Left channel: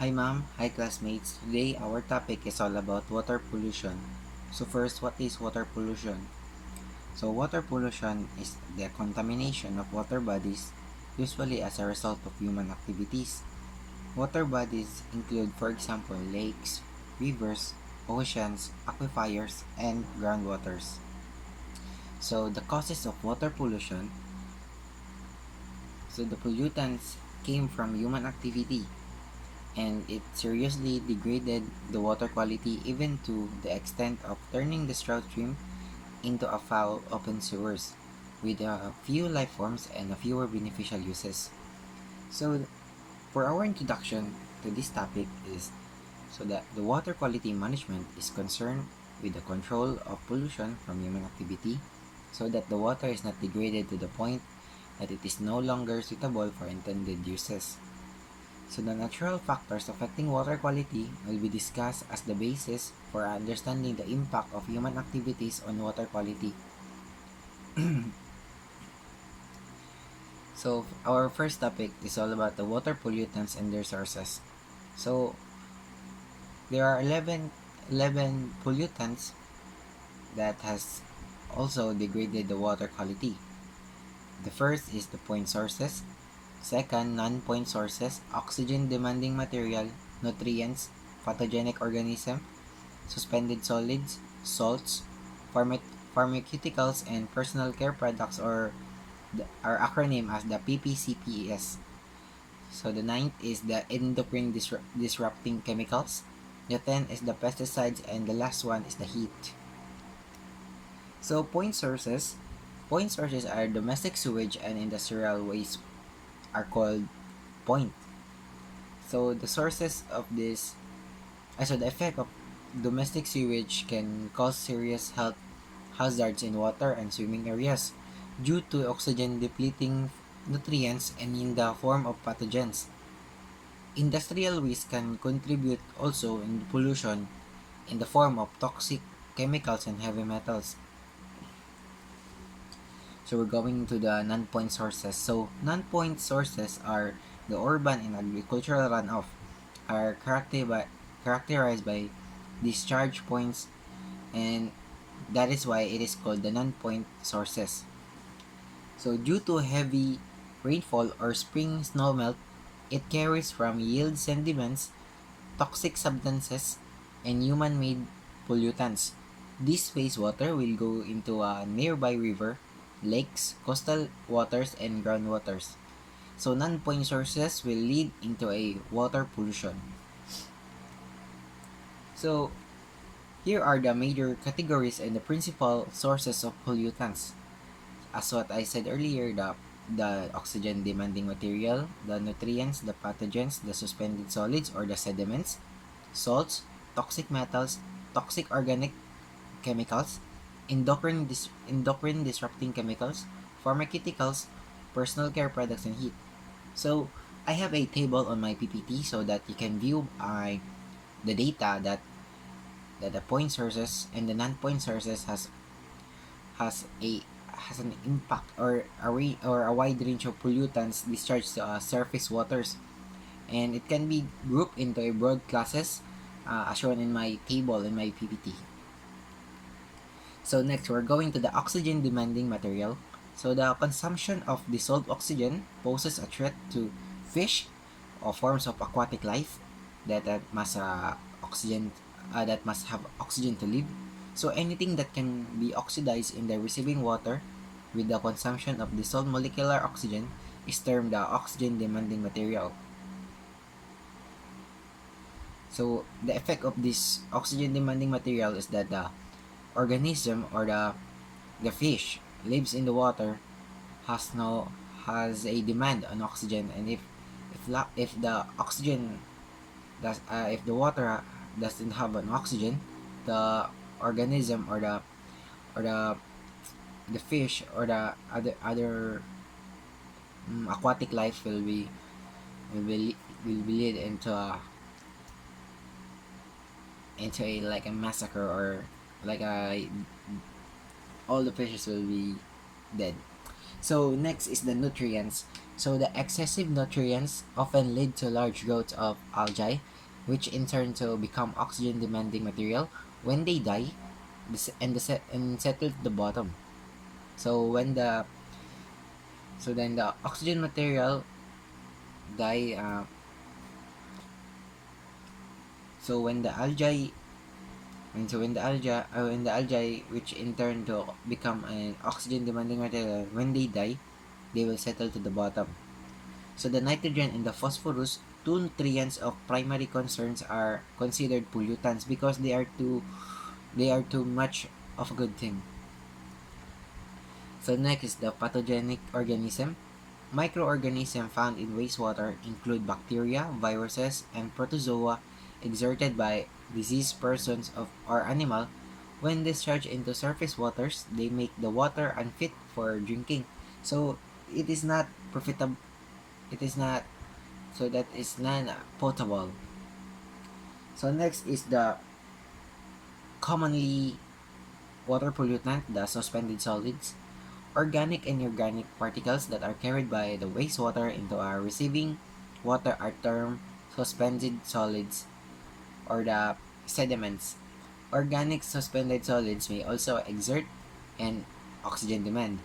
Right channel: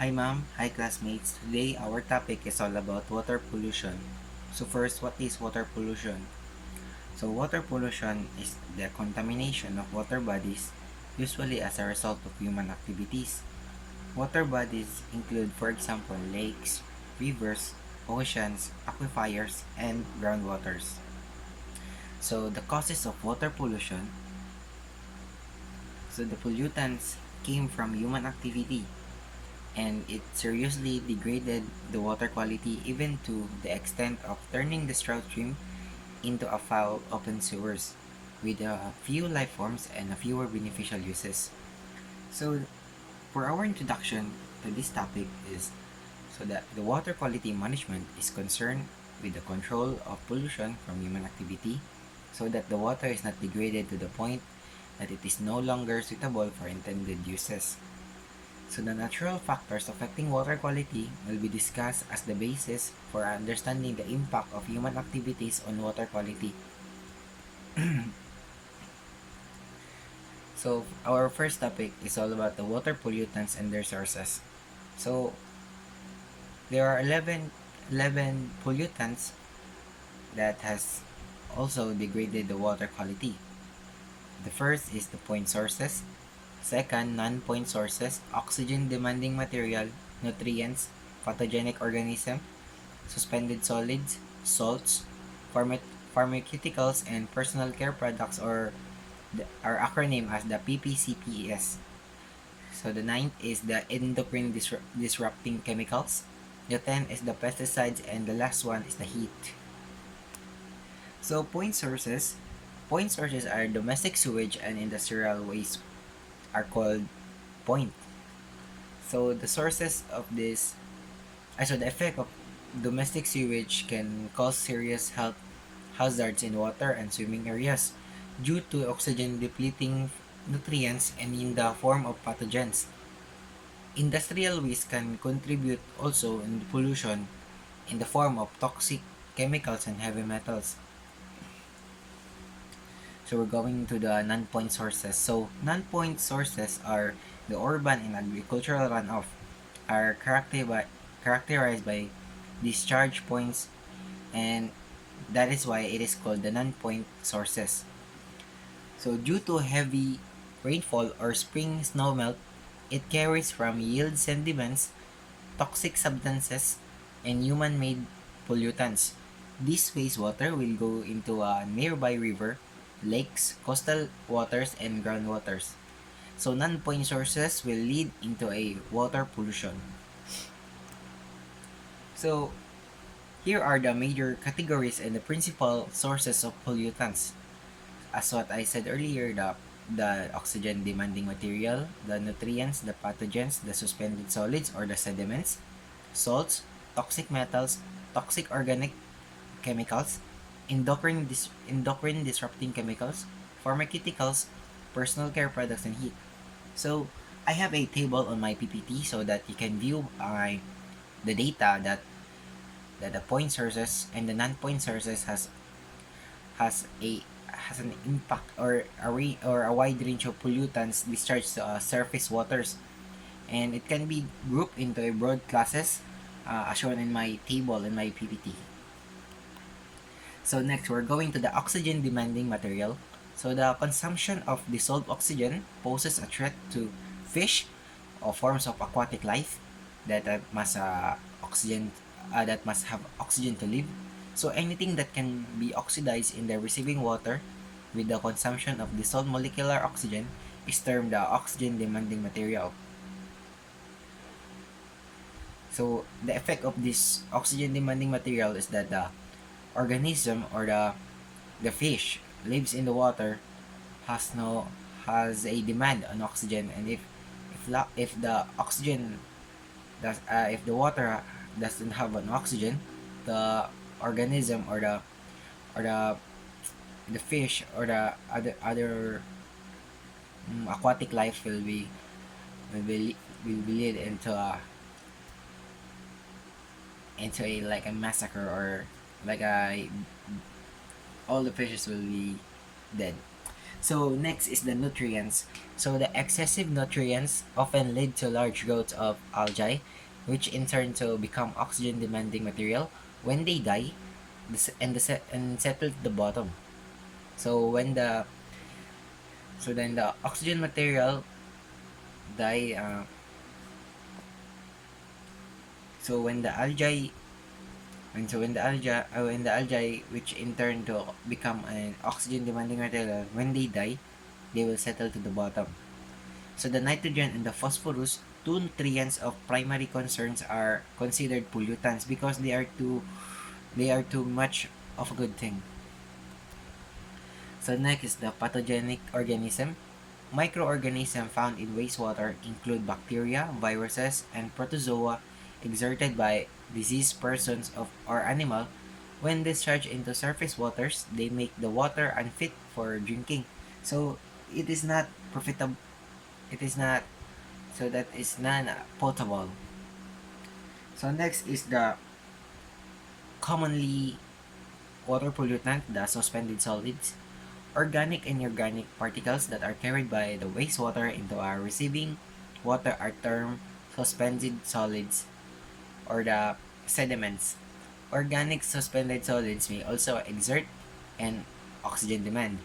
Hi ma'am, hi classmates. Today our topic is all about water pollution. So first, what is water pollution? So water pollution is the contamination of water bodies, usually as a result of human activities. Water bodies include, for example, lakes, rivers, oceans, aquifers, and groundwaters. So the causes of water pollution, so the pollutants came from human activity, and it seriously degraded the water quality even to the extent of turning the trout stream into a foul open sewers with a few life forms and a fewer beneficial uses. So for our introduction to this topic is so that the water quality management is concerned with the control of pollution from human activity so that the water is not degraded to the point that it is no longer suitable for intended uses. So the natural factors affecting water quality will be discussed as the basis for understanding the impact of human activities on water quality. So our first topic is all about the water pollutants and their sources. So there are 11 pollutants that has also degraded the water quality. The first is the point sources. Second, non-point sources, oxygen-demanding material, nutrients, pathogenic organism, suspended solids, salts, pharmaceuticals, and personal care products, or our acronym as the PPCPES. So the ninth is the endocrine disrupting chemicals. The 10th is the pesticides, and the last one is the heat. So point sources are domestic sewage and industrial waste are called point. So the sources of this, so the effect of domestic sewage can cause serious health hazards in water and swimming areas due to oxygen depleting nutrients and in the form of pathogens. Industrial waste can contribute also in pollution in the form of toxic chemicals and heavy metals. So we're going to the non-point sources. So non-point sources are the urban and agricultural runoff are characterized by discharge points, and that is why it is called the non-point sources. So due to heavy rainfall or spring snowmelt, it carries from yield sediments, toxic substances, and human-made pollutants. This wastewater will go into a nearby river, lakes, coastal waters, and groundwaters. So non-point sources will lead into a water pollution. So here are the major categories and the principal sources of pollutants. As what I said earlier, the oxygen demanding material, the nutrients, the pathogens, the suspended solids or the sediments, salts, toxic metals, toxic organic chemicals, endocrine disrupting chemicals, pharmaceuticals, personal care products, and heat. So I have a table on my PPT so that you can view the data that the point sources and the non-point sources has a has an impact or a wide range of pollutants discharged to surface waters, and it can be grouped into a broad classes as shown in my table in my PPT. So next, we're going to the oxygen demanding material. So the consumption of dissolved oxygen poses a threat to fish or forms of aquatic life that must have oxygen to live. So anything that can be oxidized in the receiving water with the consumption of dissolved molecular oxygen is termed the oxygen demanding material. So the effect of this oxygen demanding material is that the organism or the fish lives in the water has a demand on oxygen, and if the oxygen does if the water doesn't have an oxygen, the organism or the fish or the other aquatic life will be lead into a like a massacre, or like a all the fishes will be dead. So next is the nutrients. So the excessive nutrients often lead to large growth of algae, which in turn to become oxygen demanding material. When they die, and settle at the bottom. So when the so then the oxygen material die. So when the algae when the algae which in turn to become an oxygen demanding material, when they die, they will settle to the bottom. So the nitrogen and the phosphorus, two nutrients of primary concerns, are considered pollutants because they are too much of a good thing. So next is the pathogenic organism. Microorganisms found in wastewater include bacteria, viruses, and protozoa exerted by diseased persons of or animal. When discharged into surface waters, they make the water unfit for drinking. So it is not profitable. It is not so that is non-potable. So next is the commonly water pollutant, the suspended solids. Organic and inorganic particles that are carried by the wastewater into our receiving water are termed suspended solids or the sediments. Organic suspended solids may also exert an oxygen demand.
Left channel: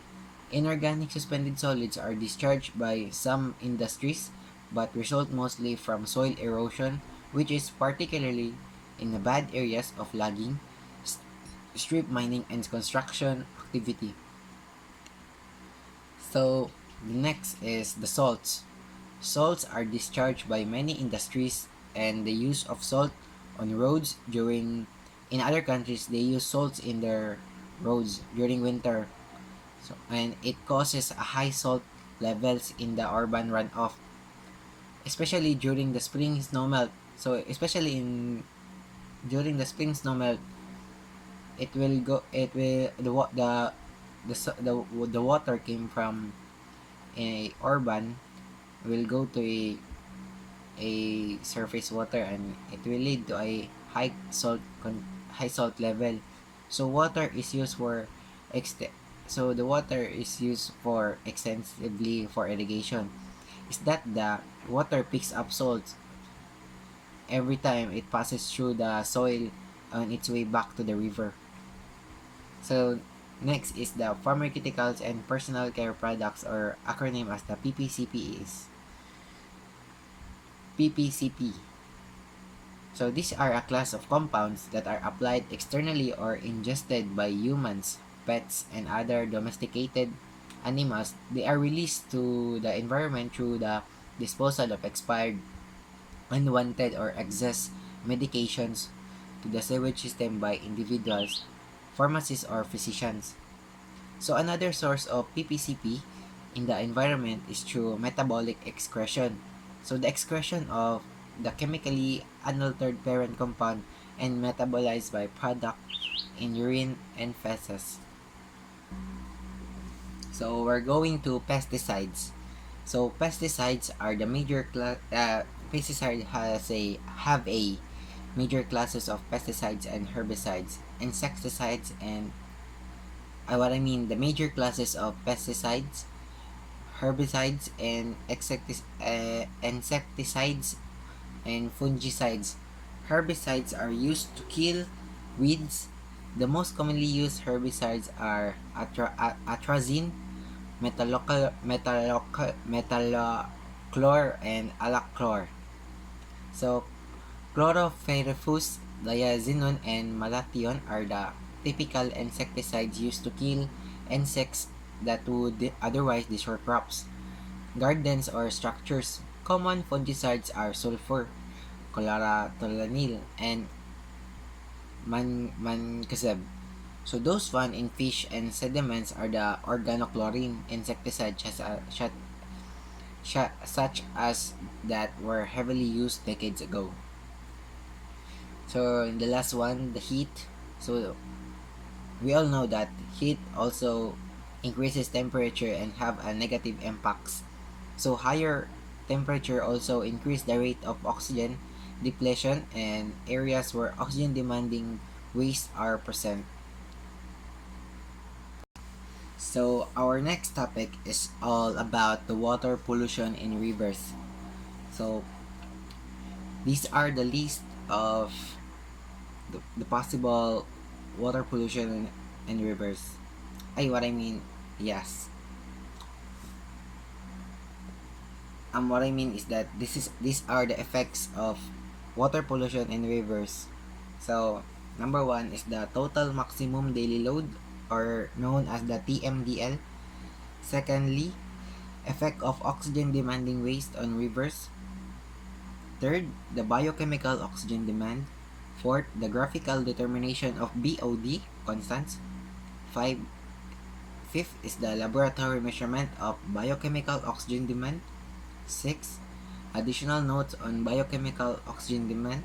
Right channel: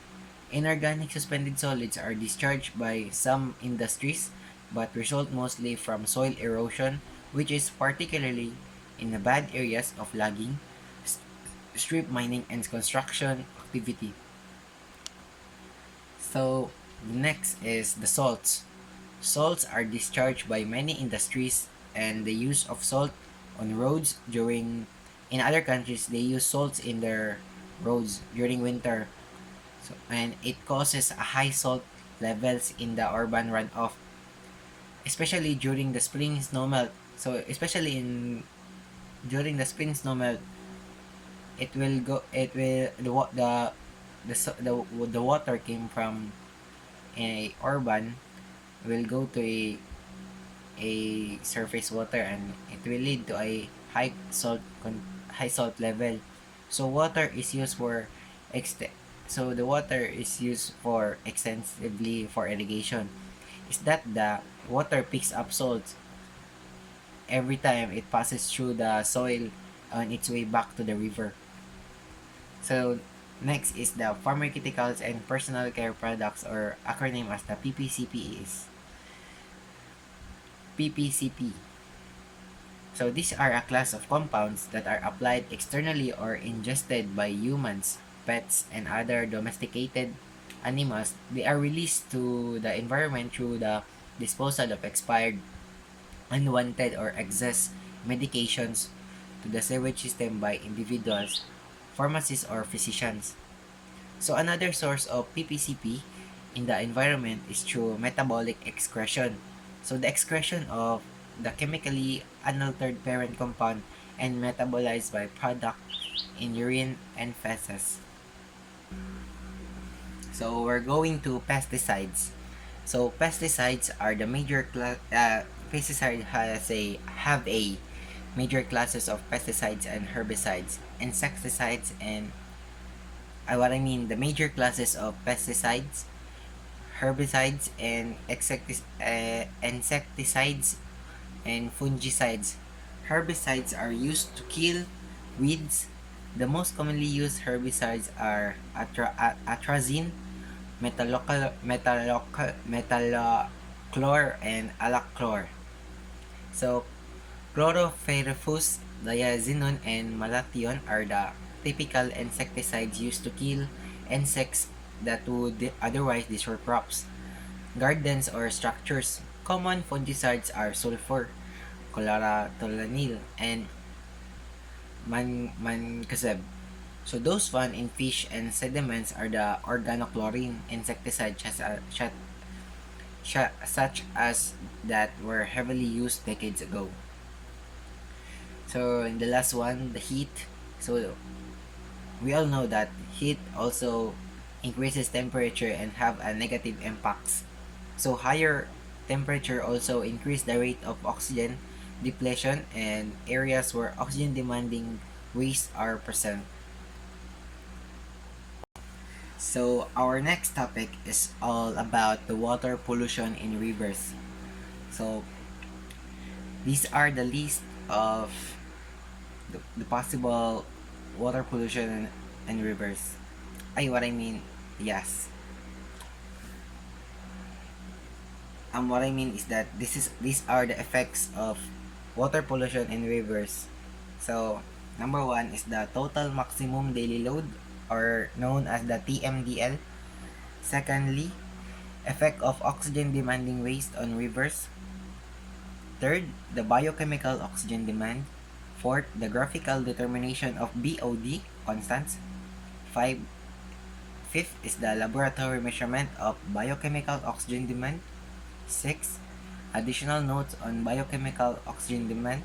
Inorganic suspended solids are discharged by some industries but result mostly from soil erosion, which is particularly in the bad areas of logging, strip mining, and construction activity. So, the next is the salts. Salts are discharged by many industries, and the use of salt on roads during in other countries they use salts in their roads during winter. So, and it causes a high salt levels in the urban runoff, especially during the spring snowmelt. So especially in during the spring snowmelt, it will the water came from a urban will go to a surface water, and it will lead to a high salt level. So water is used for ext- so the water is used for extensively for irrigation. Is that the water picks up salt every time it passes through the soil on its way back to the river. So next is the pharmaceuticals and personal care products, or acronym as the PPCP is PPCP. So these are a class of compounds that are applied externally or ingested by humans, pets, and other domesticated animals. They are released to the environment through the disposal of expired, unwanted, or excess medications to the sewage system by individuals, pharmacists, or physicians. So another source of PPCP in the environment is through metabolic excretion. So the excretion of the chemically unaltered parent compound and metabolized by product in urine and feces. So we're going to pesticides. So pesticides are the pesticide have a major classes of pesticides and herbicides, insecticides, and the major classes of pesticides, herbicides, and insecticides and fungicides. Herbicides are used to kill weeds. The most commonly used herbicides are atrazine, metallochlor, and alachlor. So, chlorpyrifos, diazinon, and malathion are the typical insecticides used to kill insects that would otherwise destroy crops, gardens, or structures. Common fungicides are sulfur, chlorotoluenyl, and mancozeb. So those found in fish and sediments are the organochlorine insecticides such as that were heavily used decades ago. So in the last one, the heat. So we all know that heat also increases temperature and have a negative impacts. So higher temperature also increase the rate of oxygen depletion and areas where oxygen demanding waste are present. So our next topic is all about the water pollution in rivers. So these are the list of the possible water pollution in rivers. What I mean, yes. What I mean is that these are the effects of water pollution in rivers. So number one is the total maximum daily load, or known as the TMDL. Secondly, effect of oxygen demanding waste on rivers. Third, the biochemical oxygen demand. Fourth, the graphical determination of BOD constants. Five, fifth is the laboratory measurement of biochemical oxygen demand. Six, additional notes on biochemical oxygen demand.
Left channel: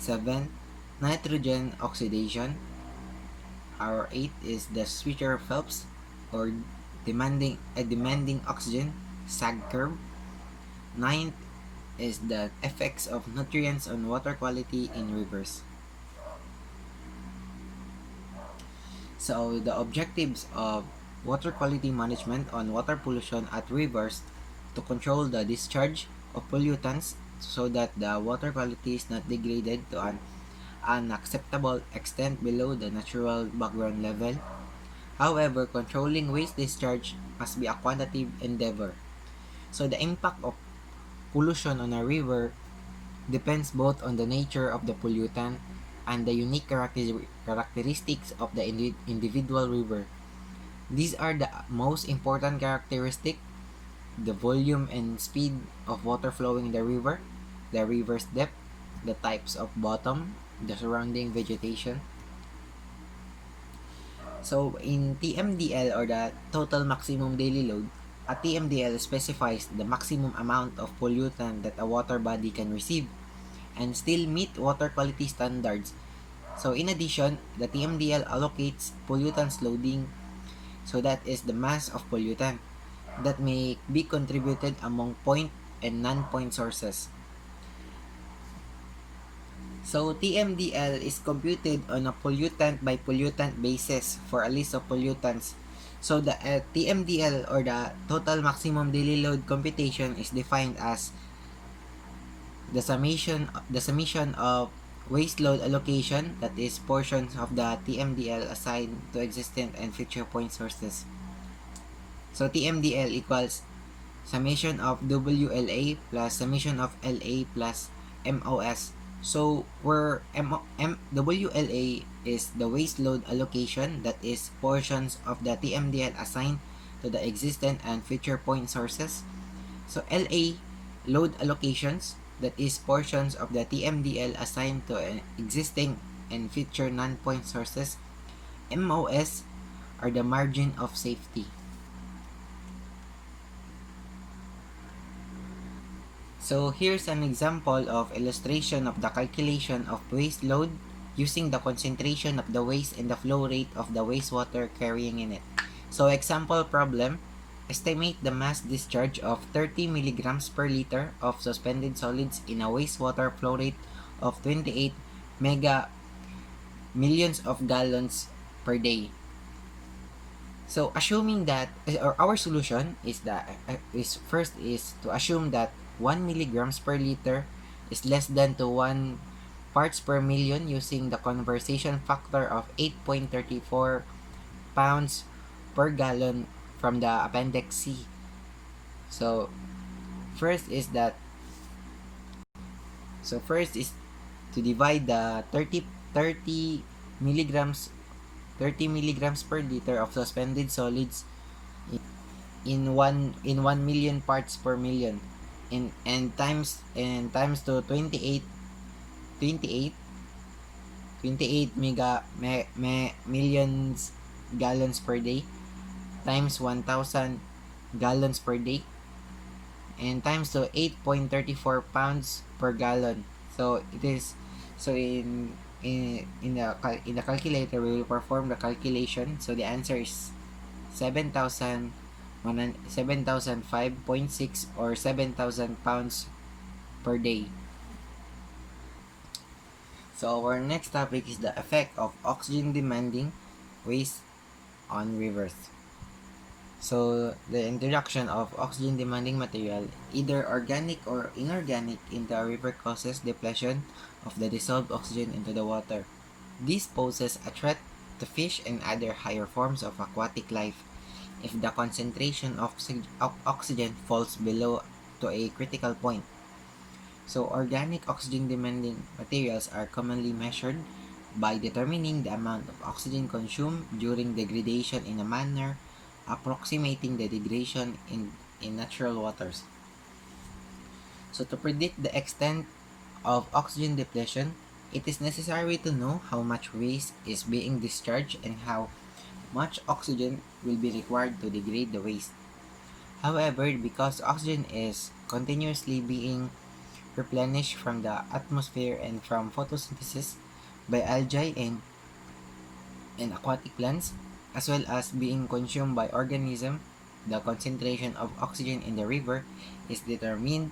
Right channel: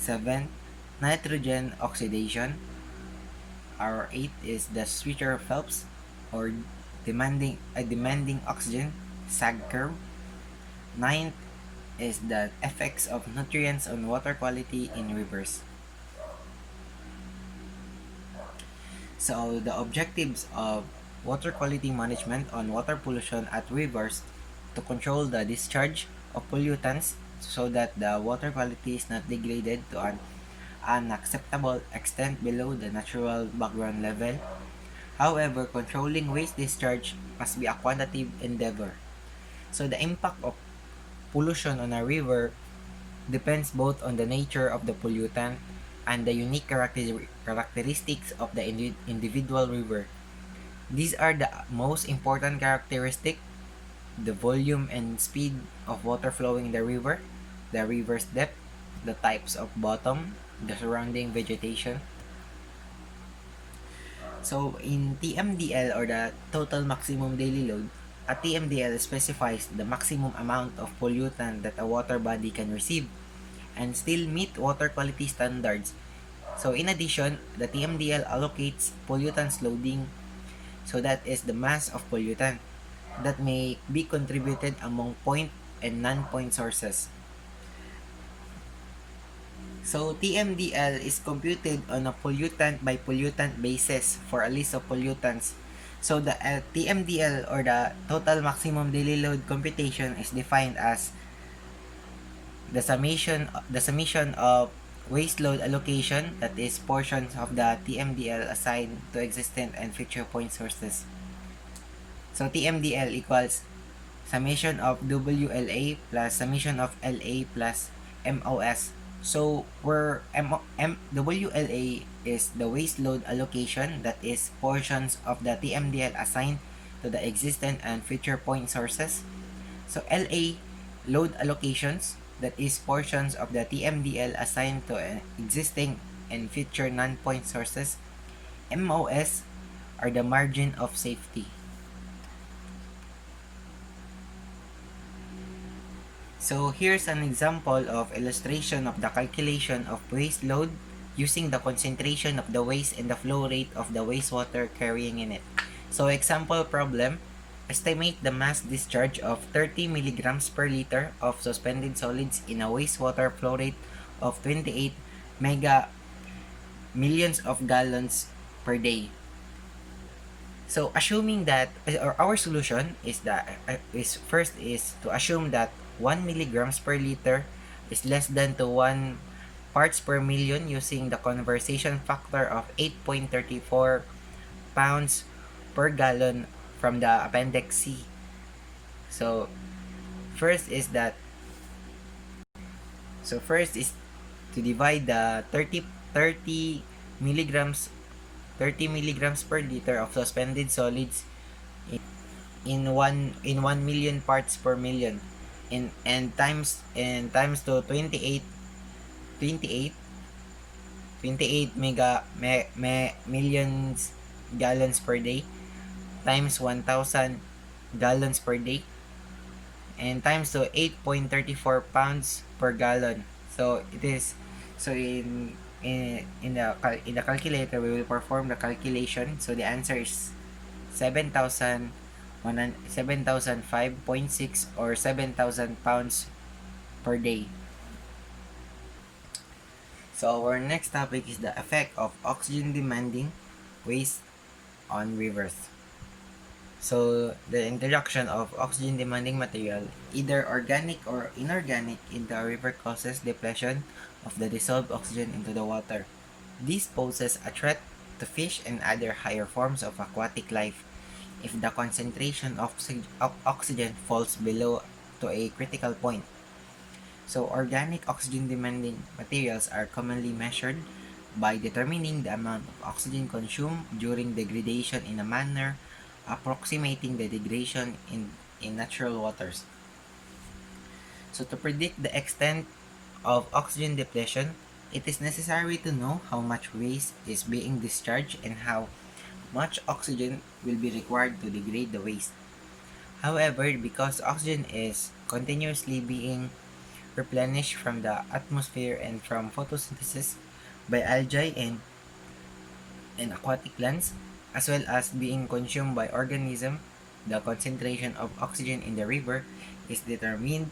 Seven, nitrogen oxidation. Our eight is the Switcher Phelps, or demanding oxygen sag curve. Ninth is the effects of nutrients on water quality in rivers. So the objectives of water quality management on water pollution at rivers to control the discharge of pollutants so that the water quality is not degraded to an unacceptable extent below the natural background level. However, controlling waste discharge must be a quantitative endeavor. So the impact of pollution on a river depends both on the nature of the pollutant and the unique characteristics of the individual river. These are the most important characteristics: the volume and speed of water flowing in the river's depth, the types of bottom, the surrounding vegetation. So in TMDL, or the total maximum daily load, a TMDL specifies the maximum amount of pollutant that a water body can receive and still meet water quality standards. So in addition, the TMDL allocates pollutants loading, so that is the mass of pollutant that may be contributed among point and non-point sources. So TMDL is computed on a pollutant by pollutant basis for a list of pollutants. So the TMDL, or the total maximum daily load computation, is defined as the summation of waste load allocation, that is portions of the TMDL assigned to existent and future point sources. So TMDL equals summation of WLA plus summation of LA plus MOS. So where WLA is the waste load allocation, that is portions of the TMDL assigned to the existent and future point sources. So LA, load allocations, that is portions of the TMDL assigned to existing and future non-point sources. MOS are the margin of safety. So here's an example of illustration of the calculation of waste load using the concentration of the waste and the flow rate of the wastewater carrying in it. So example problem: estimate the mass discharge of 30 milligrams per liter of suspended solids in a wastewater flow rate of 28 mega millions of gallons per day. So assuming that, or our solution is that is to assume that 1 milligrams per liter is less than to 1 parts per million using the conversion factor of 8.34 pounds per gallon from the appendix C. So first is that first is to divide the 30 milligrams 30 milligrams per liter of suspended solids in 1 million parts per million, and times to 28 millions gallons per day, times 1000 gallons per day, and times to 8.34 pounds per gallon. So it is, so in the calculator we will perform the calculation. So the answer is 7,005.6, or 7,000 pounds per day. So our next topic is the effect of oxygen demanding waste on rivers. So, the introduction of oxygen demanding material, either organic or inorganic, into a river causes depletion of the dissolved oxygen into the water. This poses a threat to fish and other higher forms of aquatic life if the concentration of oxygen falls below to a critical point. So, organic oxygen demanding materials are commonly measured by determining the amount of oxygen consumed during degradation in a manner approximating the degradation in natural waters. So, to predict the extent of oxygen depletion, it is necessary to know how much waste is being discharged and how much oxygen will be required to degrade the waste. However, because oxygen is continuously being replenished from the atmosphere and from photosynthesis by algae and aquatic plants, as well as being consumed by organisms, the concentration of oxygen in the river is determined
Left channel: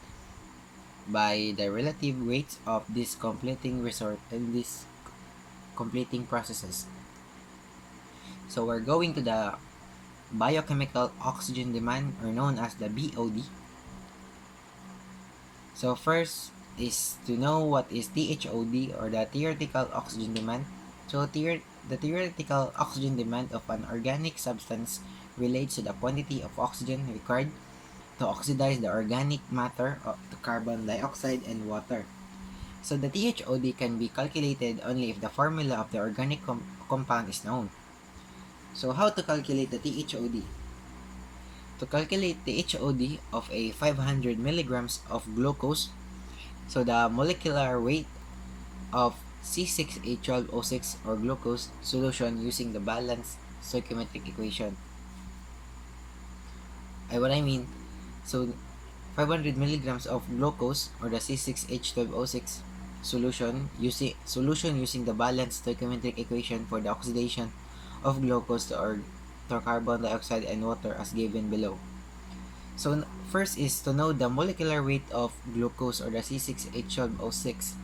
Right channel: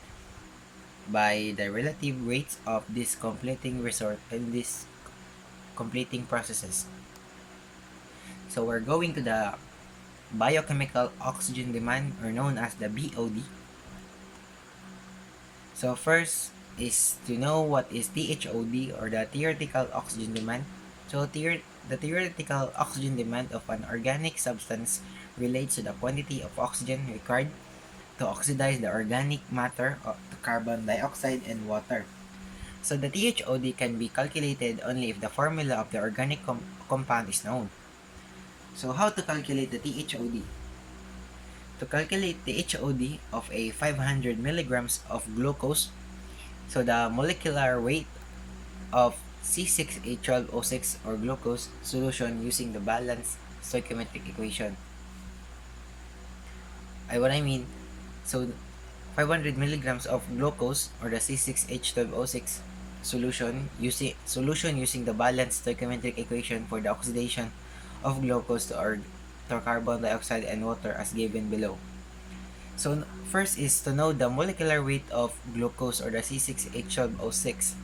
by the relative rates of these completing resort and these completing processes. So we're going to the biochemical oxygen demand, or known as the BOD. So first is to know what is THOD, or the theoretical oxygen demand. So the theoretical oxygen demand of an organic substance relates to the quantity of oxygen required to oxidize the organic matter to carbon dioxide and water. So the THOD can be calculated only if the formula of the organic compound is known. So how to calculate the THOD? To calculate the HOD of a 500 milligrams of glucose, so the molecular weight of C6H12O6 or glucose solution using the balanced stoichiometric equation. What I mean, so 500 milligrams of glucose, or the C6H12O6 solution using the balanced stoichiometric equation for the oxidation of glucose to carbon dioxide and water as given below. So first is to know the molecular weight of glucose, or the C6H12O6.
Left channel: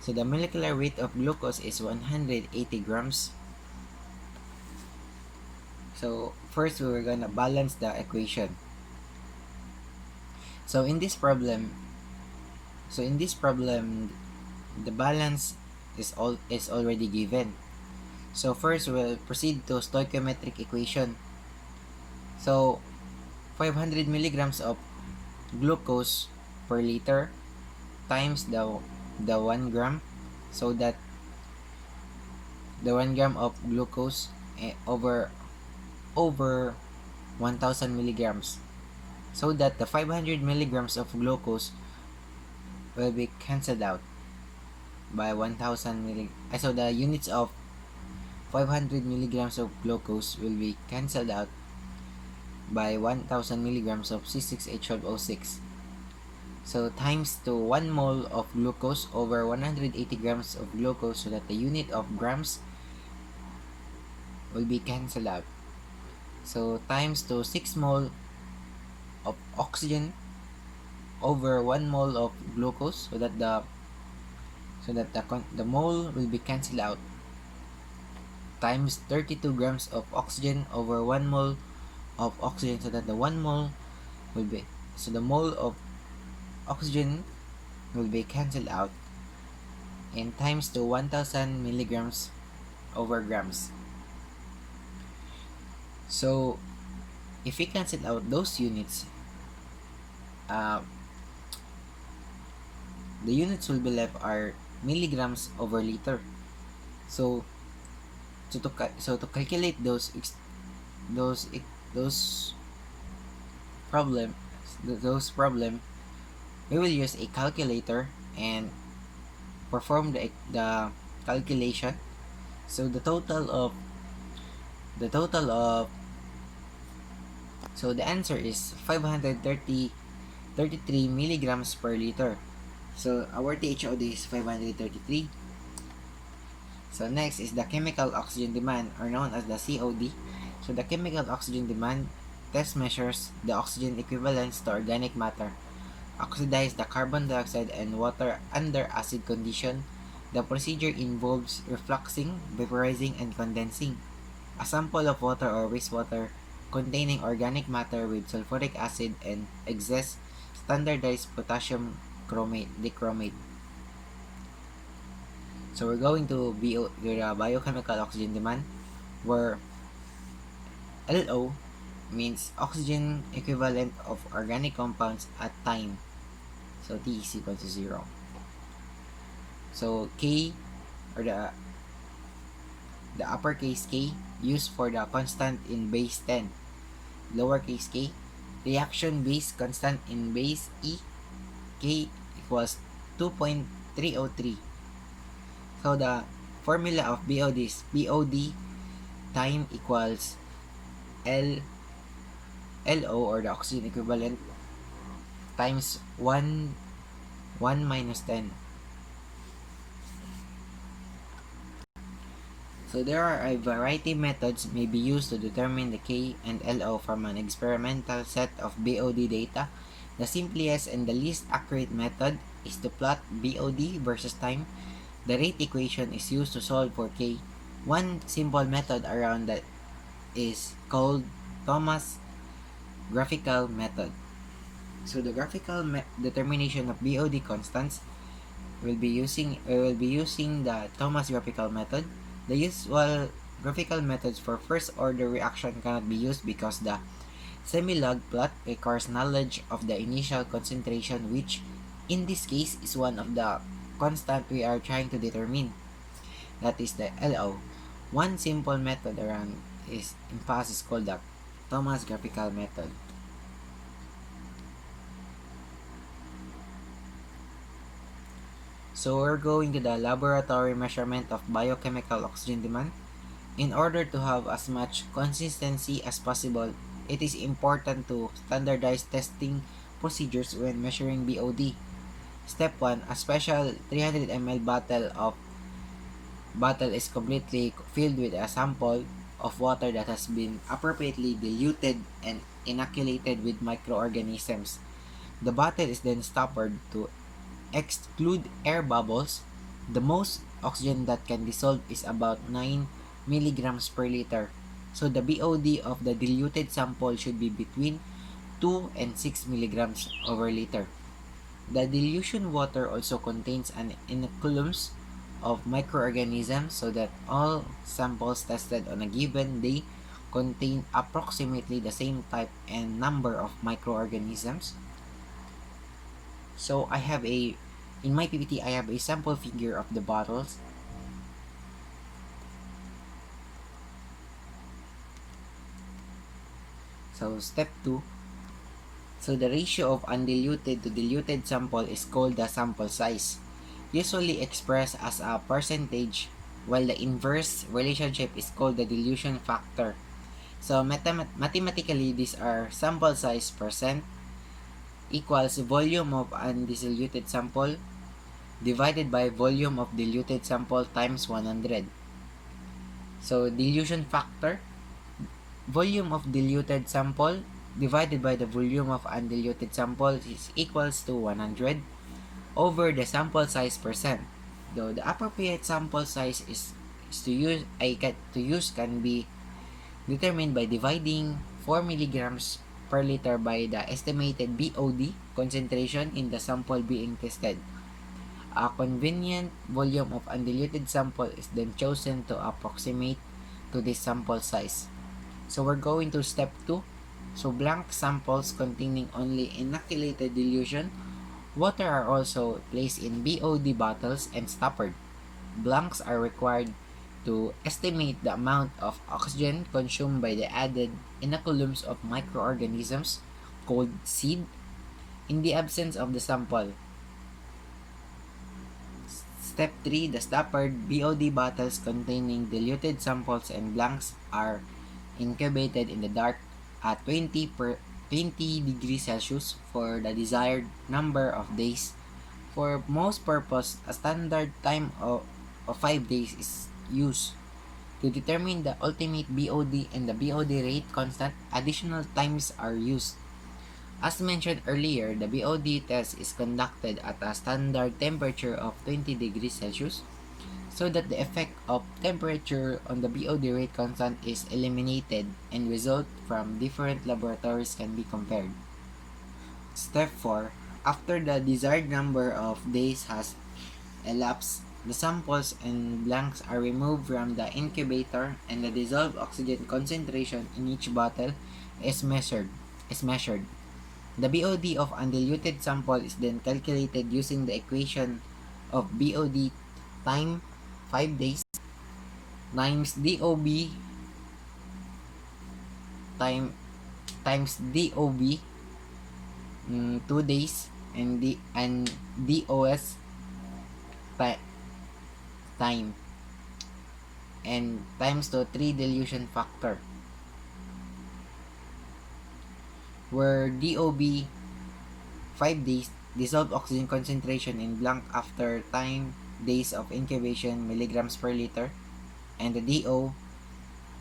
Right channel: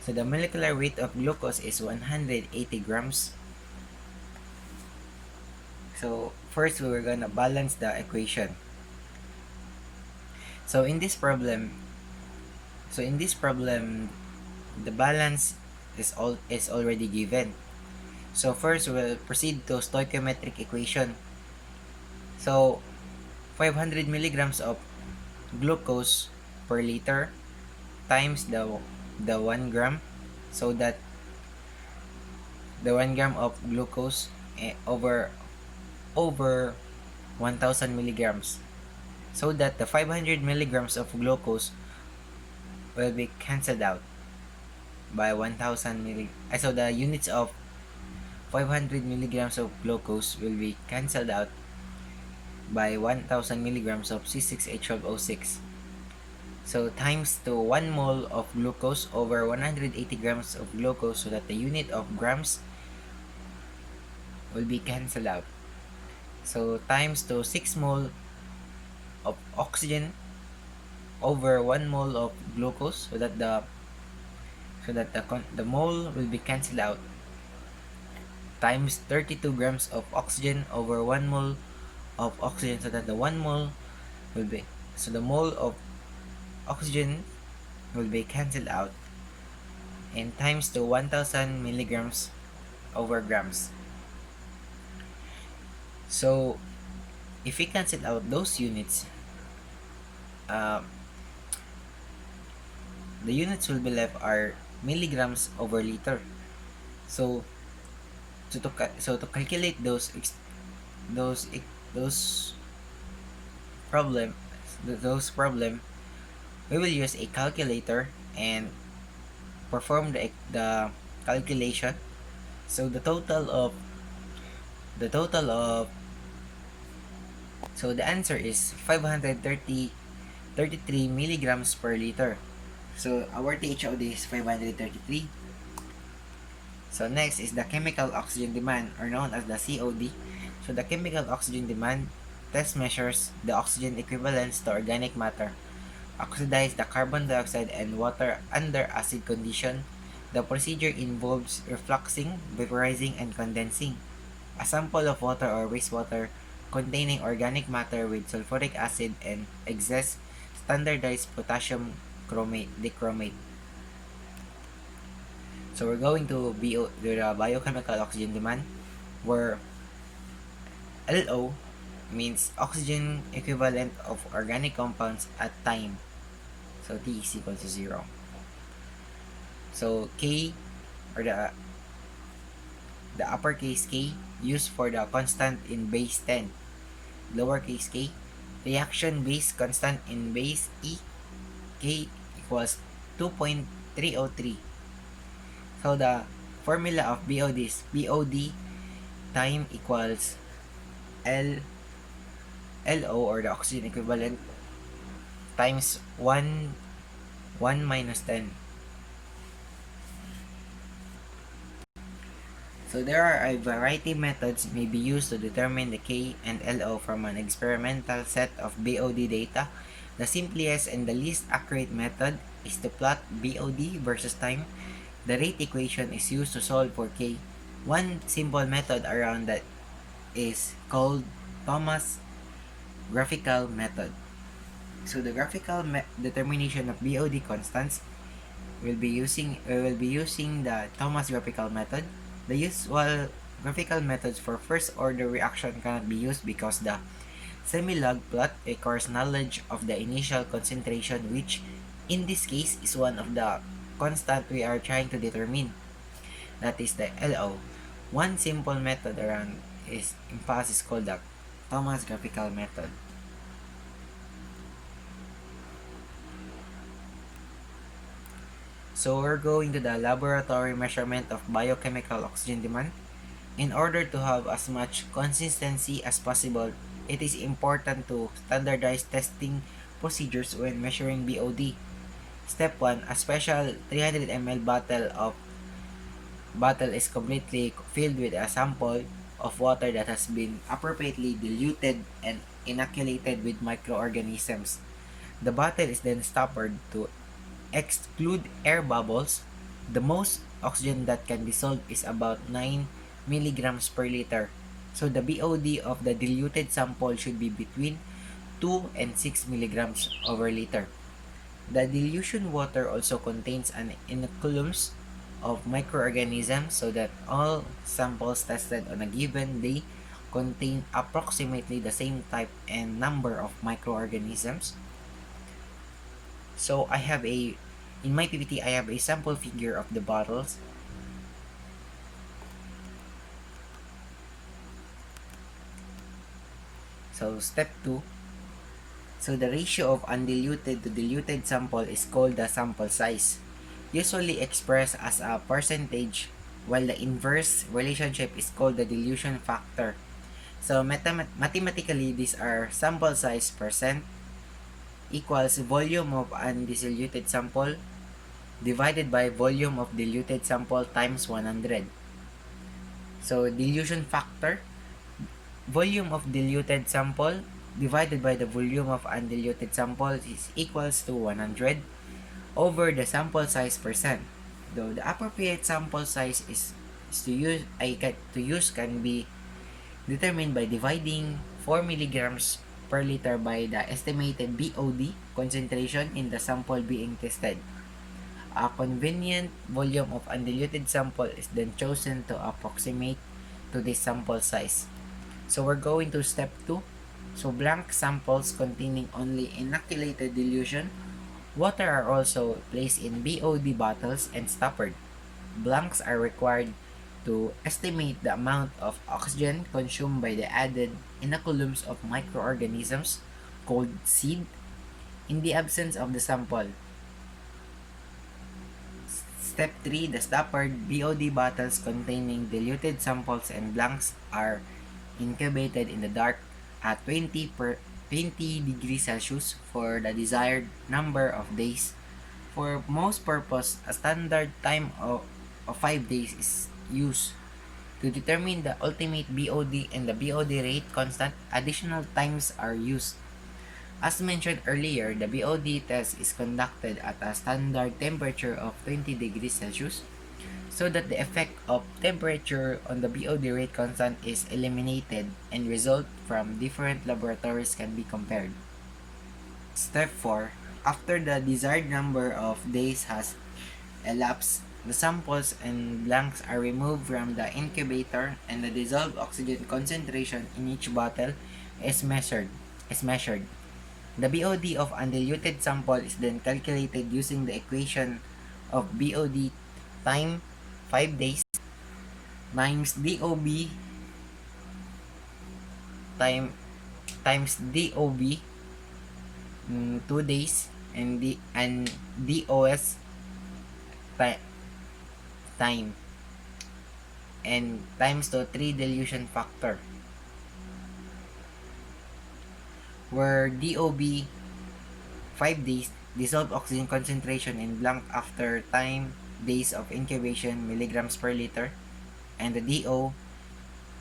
So the molecular weight of glucose is 180 grams. So first we're gonna balance the equation. So in this problem, the balance is already given. So first we'll proceed to stoichiometric equation. So 500 milligrams of glucose per liter times the 1 gram, so that the 1 gram of glucose over 1000 milligrams, so that the 500 milligrams of glucose will be cancelled out by 1000 so the units of 500 milligrams of glucose will be cancelled out by 1000 milligrams of C6H12O6. So times to 1 mole of glucose over 180 grams of glucose, so that the unit of grams will be cancelled out. So times to 6 mole of oxygen over 1 mole of glucose, so that the mole will be cancelled out, times 32 grams of oxygen over 1 mole of oxygen, so that the 1 mole will be the mole of oxygen will be cancelled out, and times to 1000 milligrams over grams. So if we cancel out those units, the units will be left are milligrams over liter. So to calculate those problem we will use a calculator and perform the calculation. So the answer is 533 milligrams per liter. So our THOD is 533. So next is the chemical oxygen demand, or known as the COD. So the chemical oxygen demand test measures the oxygen equivalence to organic matter. Oxidize the carbon dioxide and water under acid condition. The procedure involves refluxing, vaporizing, and condensing a sample of water or wastewater containing organic matter with sulfuric acid and excess standardized potassium dichromate. So we're going to the biochemical oxygen demand, where LO means oxygen equivalent of organic compounds at time. So T is equal to 0. So K, or the uppercase K, used for the constant in base 10. Lowercase k, reaction base constant in base E, K equals 2.303. So the formula of BOD is BOD time equals LO, or the oxygen equivalent, times 1 minus 10. So there are a variety of methods may be used to determine the K and LO from an experimental set of BOD data. The simplest and the least accurate method is to plot BOD versus time. The rate equation is used to solve for K. One simple method around that is called Thomas graphical method. So the graphical determination of BOD constants will be using the Thomas graphical method. The usual graphical methods for first order reaction cannot be used because the semi-log plot requires knowledge of the initial concentration, which in this case is one of the constant we are trying to determine, that is the LO. One simple method around is called the Thomas graphical method. So we're going to the laboratory measurement of biochemical oxygen demand. In order to have as much consistency as possible, it is important to standardize testing procedures when measuring BOD. Step 1, a special 300 ml bottle is completely filled with a sample of water that has been appropriately diluted and inoculated with microorganisms. The bottle is then stoppered to exclude air bubbles. The most oxygen that can dissolve is about 9 milligrams per liter. So the BOD of the diluted sample should be between 2 and 6 milligrams over liter. The dilution water also contains an inoculums of microorganisms, so that all samples tested on a given day contain approximately the same type and number of microorganisms. So in my PPT, I have a sample figure of the bottles. So step 2. So the ratio of undiluted to diluted sample is called the sample size, usually expressed as a percentage, while the inverse relationship is called the dilution factor. So mathematically, these are sample size percent equals volume of undiluted sample divided by volume of diluted sample times 100. So dilution factor, volume of diluted sample divided by the volume of undiluted sample is equals to 100 over the sample size percent. Though the appropriate sample size can be determined by dividing 4 milligrams per liter by the estimated BOD concentration in the sample being tested. A convenient volume of undiluted sample is then chosen to approximate to this sample size. So we're going to step 2. So blank samples containing only inoculated dilution water are also placed in BOD bottles and stoppered. Blanks are required to estimate the amount of oxygen consumed by the added inoculums of microorganisms called seed in the absence of the sample. Step 3, the stoppered BOD bottles containing diluted samples and blanks are incubated in the dark at 20 degrees Celsius for the desired number of days. For most purpose, a standard time of 5 days is used. To determine the ultimate BOD and the BOD rate constant, additional times are used. As mentioned earlier, the BOD test is conducted at a standard temperature of 20 degrees Celsius. so that the effect of temperature on the BOD rate constant is eliminated and result from different laboratories can be compared. Step 4. After the desired number of days has elapsed, the samples and blanks are removed from the incubator and the dissolved oxygen concentration in each bottle is measured. Is measured. The BOD of undiluted sample is then calculated using the equation of BOD time 5 days times DOB time times DOB 2 days and DOS time and times to 3 dilution factor, where DOB 5 days dissolved oxygen concentration in blank after time days of incubation milligrams per liter, and the DO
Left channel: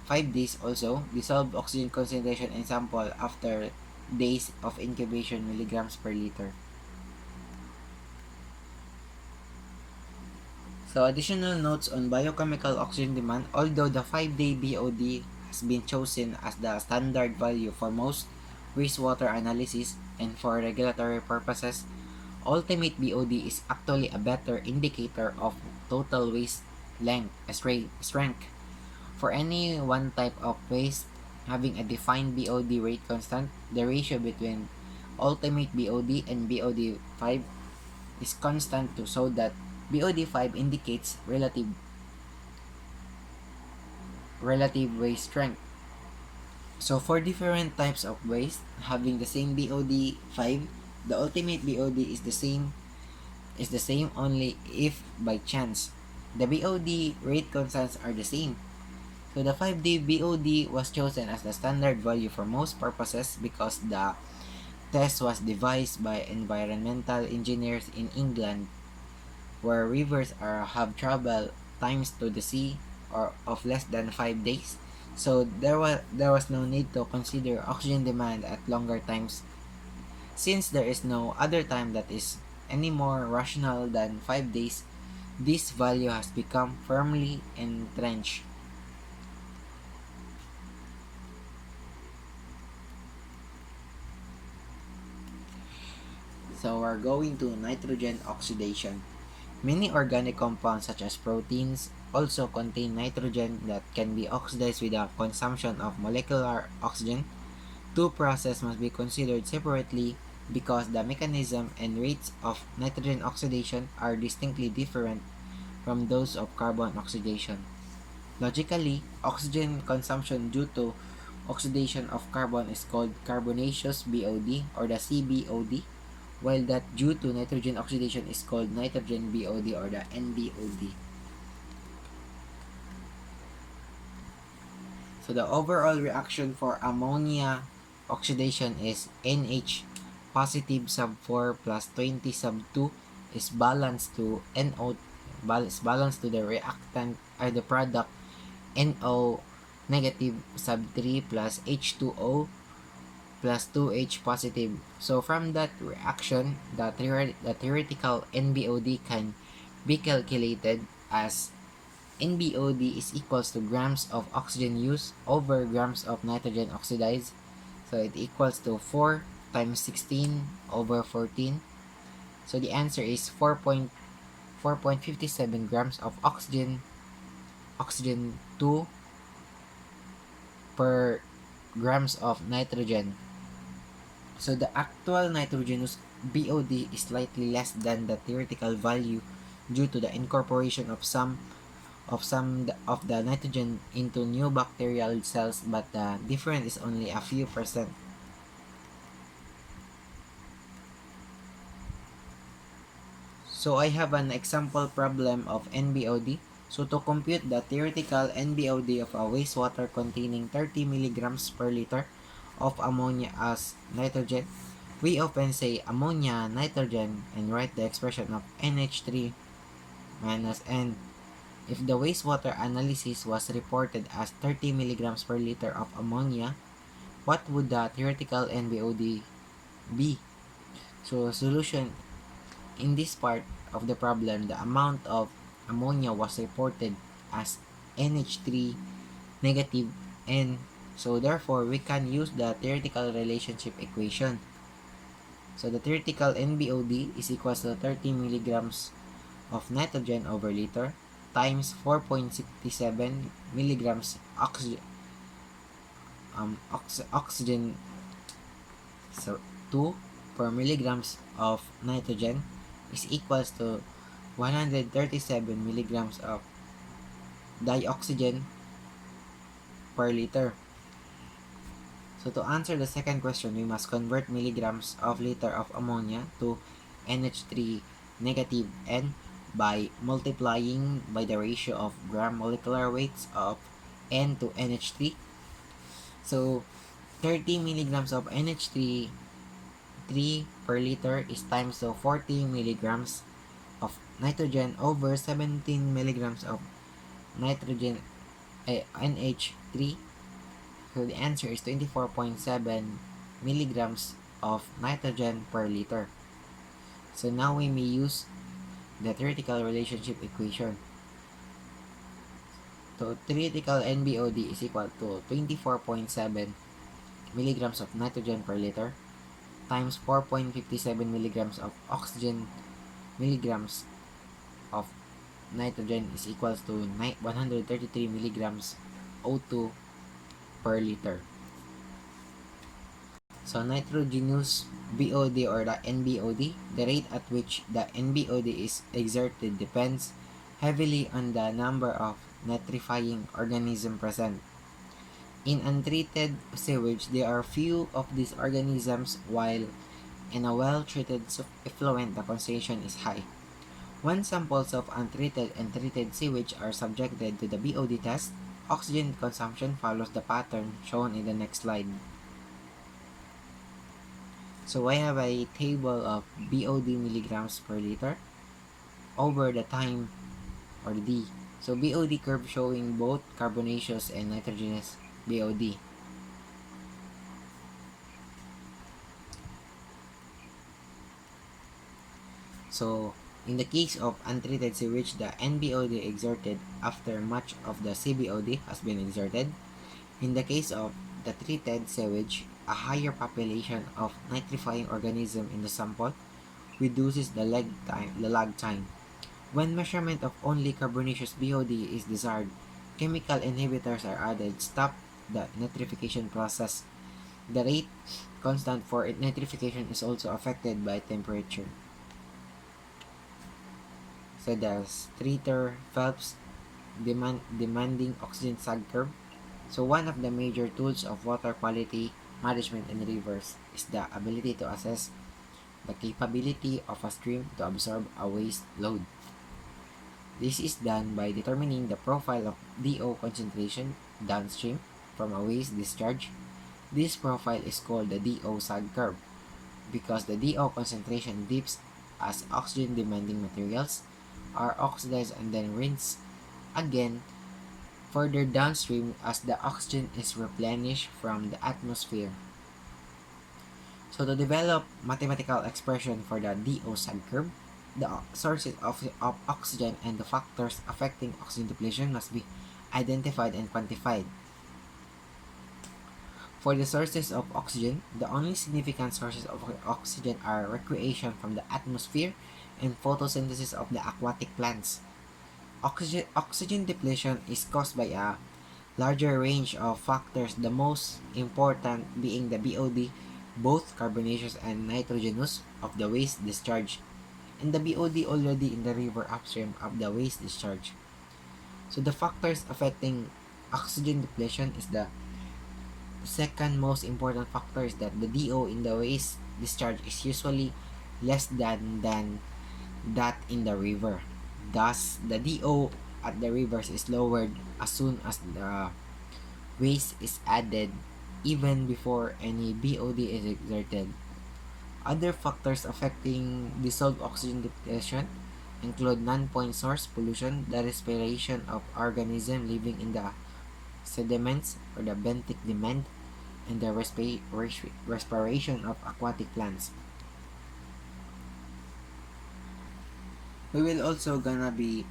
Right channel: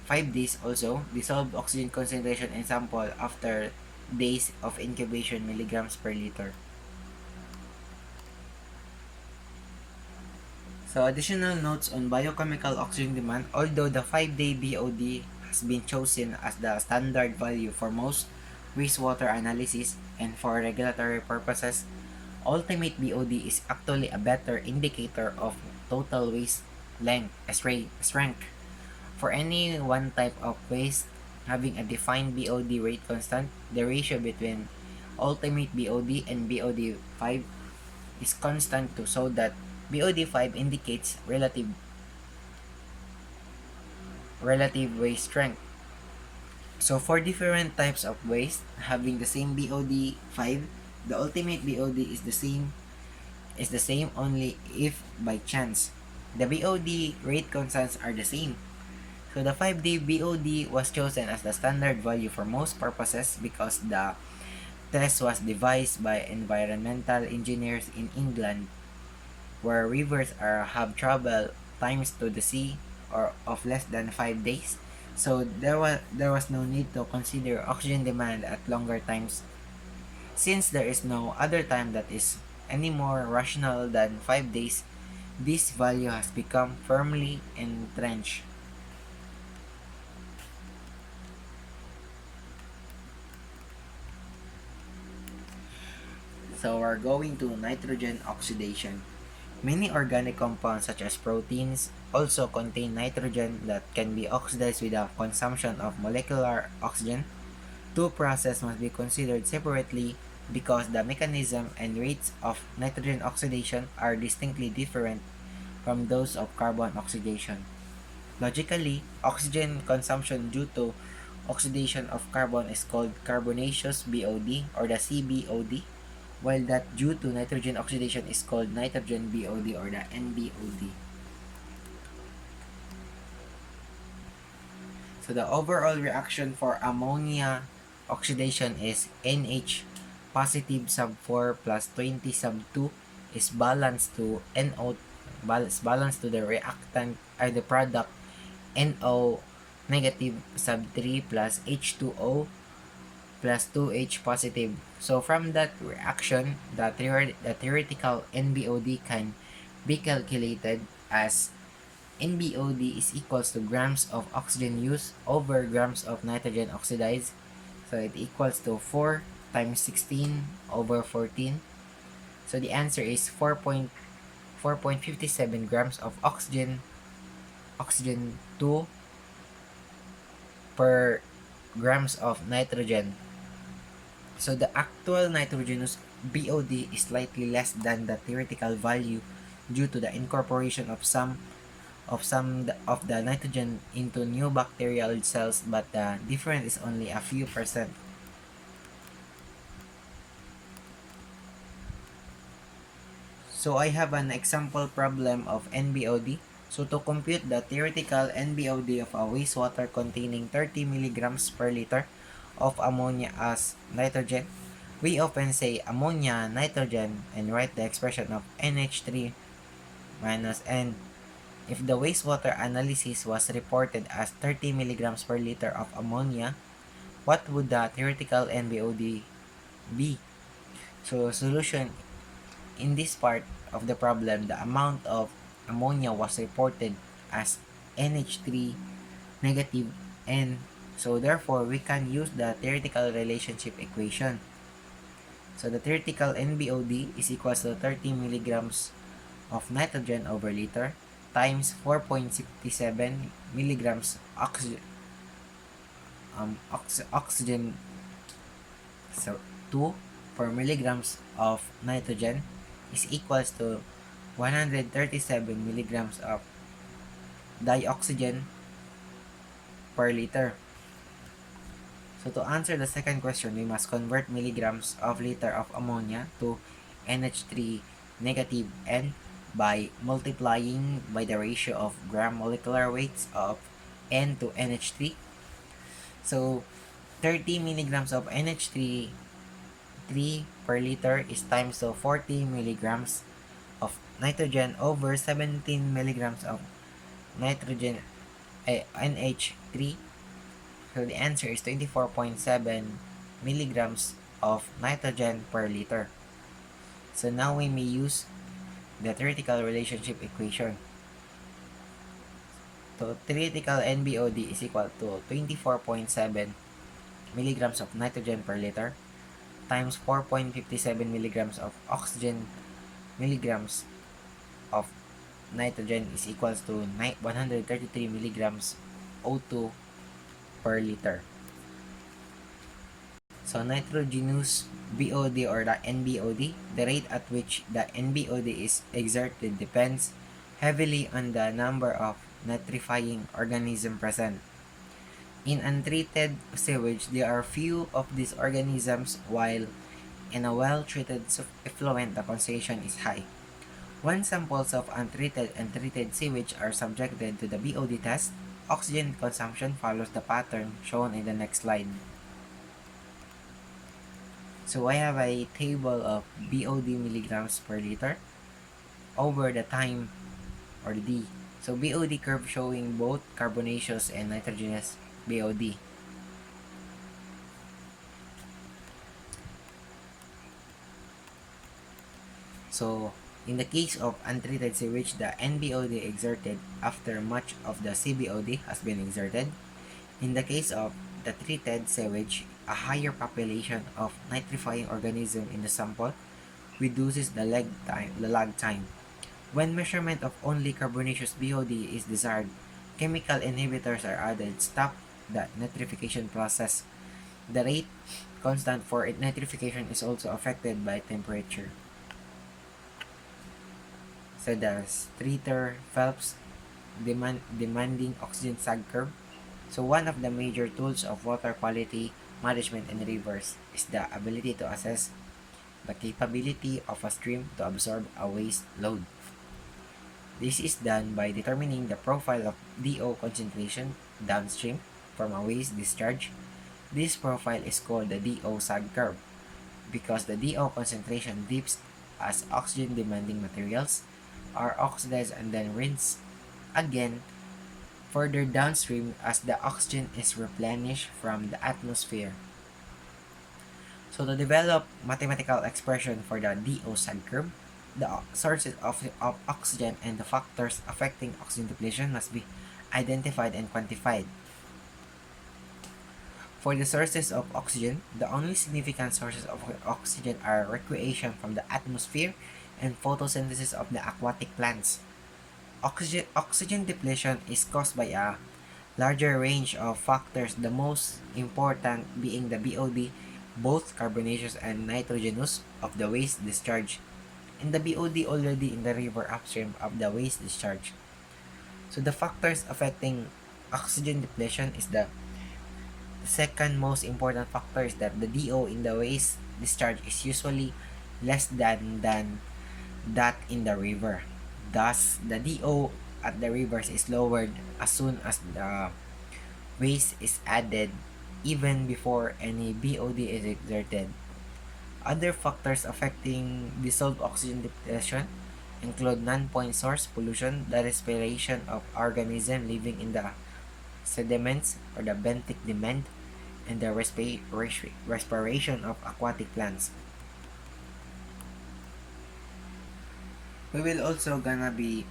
5 days also dissolved oxygen concentration in sample after days of incubation milligrams per liter. So additional notes on biochemical oxygen demand. Although the 5-day BOD has been chosen as the standard value for most wastewater analysis and for regulatory purposes, ultimate BOD is actually a better indicator of total waste length, strength. For any one type of waste having a defined BOD rate constant, the ratio between ultimate BOD and BOD 5 is constant too, so that BOD 5 indicates relative waste strength. So for different types of waste having the same BOD 5, the ultimate BOD is the same only if by chance the BOD rate constants are the same. So the 5-day BOD was chosen as the standard value for most purposes because the test was devised by environmental engineers in England, where rivers have travel times to the sea or of less than 5 days. So there was no need to consider oxygen demand at longer times, since there is no other time that is any more rational than 5 days. This value has become firmly entrenched. So we're going to nitrogen oxidation. Many organic compounds such as proteins also contain nitrogen that can be oxidized without consumption of molecular oxygen. Two processes must be considered separately because the mechanism and rates of nitrogen oxidation are distinctly different from those of carbon oxidation. Logically, oxygen consumption due to oxidation of carbon is called carbonaceous BOD or the CBOD, while that due to nitrogen oxidation is called nitrogen BOD or the NBOD. So the overall reaction for ammonia oxidation is NH positive sub 4 plus 20 sub 2 is balanced to NO balanced to the reactant or the product NO negative sub 3 plus H2O plus 2H positive. So from that reaction, the theoretical NBOD can be calculated as NBOD is equals to grams of oxygen used over grams of nitrogen oxidized. So it equals to 4 times 16 over 14. So the answer is 4.57 grams of oxygen 2 per grams of nitrogen. So the actual nitrogenous BOD is slightly less than the theoretical value due to the incorporation of some of the nitrogen into new bacterial cells, but the difference is only a few percent. So I have an example problem of NBOD. So to compute the theoretical NBOD of a wastewater containing 30 milligrams per liter of ammonia as nitrogen, we often say ammonia, nitrogen, and write the expression of NH3 minus N. If the wastewater analysis was reported as 30 milligrams per liter of ammonia, what would the theoretical NBOD be? So solution: in this part of the problem, the amount of ammonia was reported as NH3 negative, and so therefore we can use the theoretical relationship equation. So the theoretical NBOD is equals to 30 milligrams of nitrogen over liter times 4.67 milligrams oxygen, so 2 per milligrams of nitrogen is equals to 137 milligrams of dioxygen per liter. So to answer the second question, we must convert milligrams of liter of ammonia to NH3 negative N by multiplying by the ratio of gram molecular weights of N to NH3. So 30 milligrams of NH3 3 per liter is times to 40 milligrams of nitrogen over 17 milligrams of nitrogen NH3. So the answer is 24.7 milligrams of nitrogen per liter. So now we may use the theoretical relationship equation. So theoretical NBOD is equal to 24.7 milligrams of nitrogen per liter times 4.57 milligrams of oxygen milligrams of nitrogen is equals to 133 milligrams O2 per liter. So nitrogenous BOD or the NBOD, the rate at which the NBOD is exerted depends heavily on the number of nitrifying organisms present. In untreated sewage, there are few of these organisms, while in a well-treated effluent, the concentration is high. When samples of untreated and treated sewage are subjected to the BOD test, oxygen consumption follows the pattern shown in the next slide. So I have a table of BOD milligrams per liter over the time, or the D. So BOD curve showing both carbonaceous and nitrogenous BOD. So in the case of untreated sewage, the NBOD exerted after much of the CBOD has been exerted. In the case of the treated sewage, a higher population of nitrifying organism in the sample reduces the lag time. When measurement of only carbonaceous BOD is desired, chemical inhibitors are added, stop the nitrification process. The rate constant for nitrification is also affected by temperature. So the Streeter Phelps demanding oxygen sag curve. So one of the major tools of water quality management in rivers is the ability to assess the capability of a stream to absorb a waste load. This is done by determining the profile of DO concentration downstream from a waste discharge. This profile is called the DO sag curve because the DO concentration dips as oxygen demanding materials are oxidized and then rinsed again further downstream as the oxygen is replenished from the atmosphere. So to develop mathematical expression for the DO sag curve, the sources of oxygen and the factors affecting oxygen depletion must be identified and quantified. For the sources of oxygen, the only significant sources of oxygen are recreation from the atmosphere and photosynthesis of the aquatic plants. Oxygen depletion is caused by a larger range of factors, the most important being the BOD, both carbonaceous and nitrogenous, of the waste discharge, and the BOD already in the river upstream of the waste discharge. So the factors affecting oxygen depletion is the second most important factor is that the DO in the waste discharge is usually less than that in the river. Thus, the DO at the rivers is lowered as soon as the waste is added, even before any BOD is exerted. Other factors affecting dissolved oxygen depletion include non-point source pollution, the respiration of organisms living in the sediments or the benthic demand, and the respiration of aquatic plants. We will also gonna be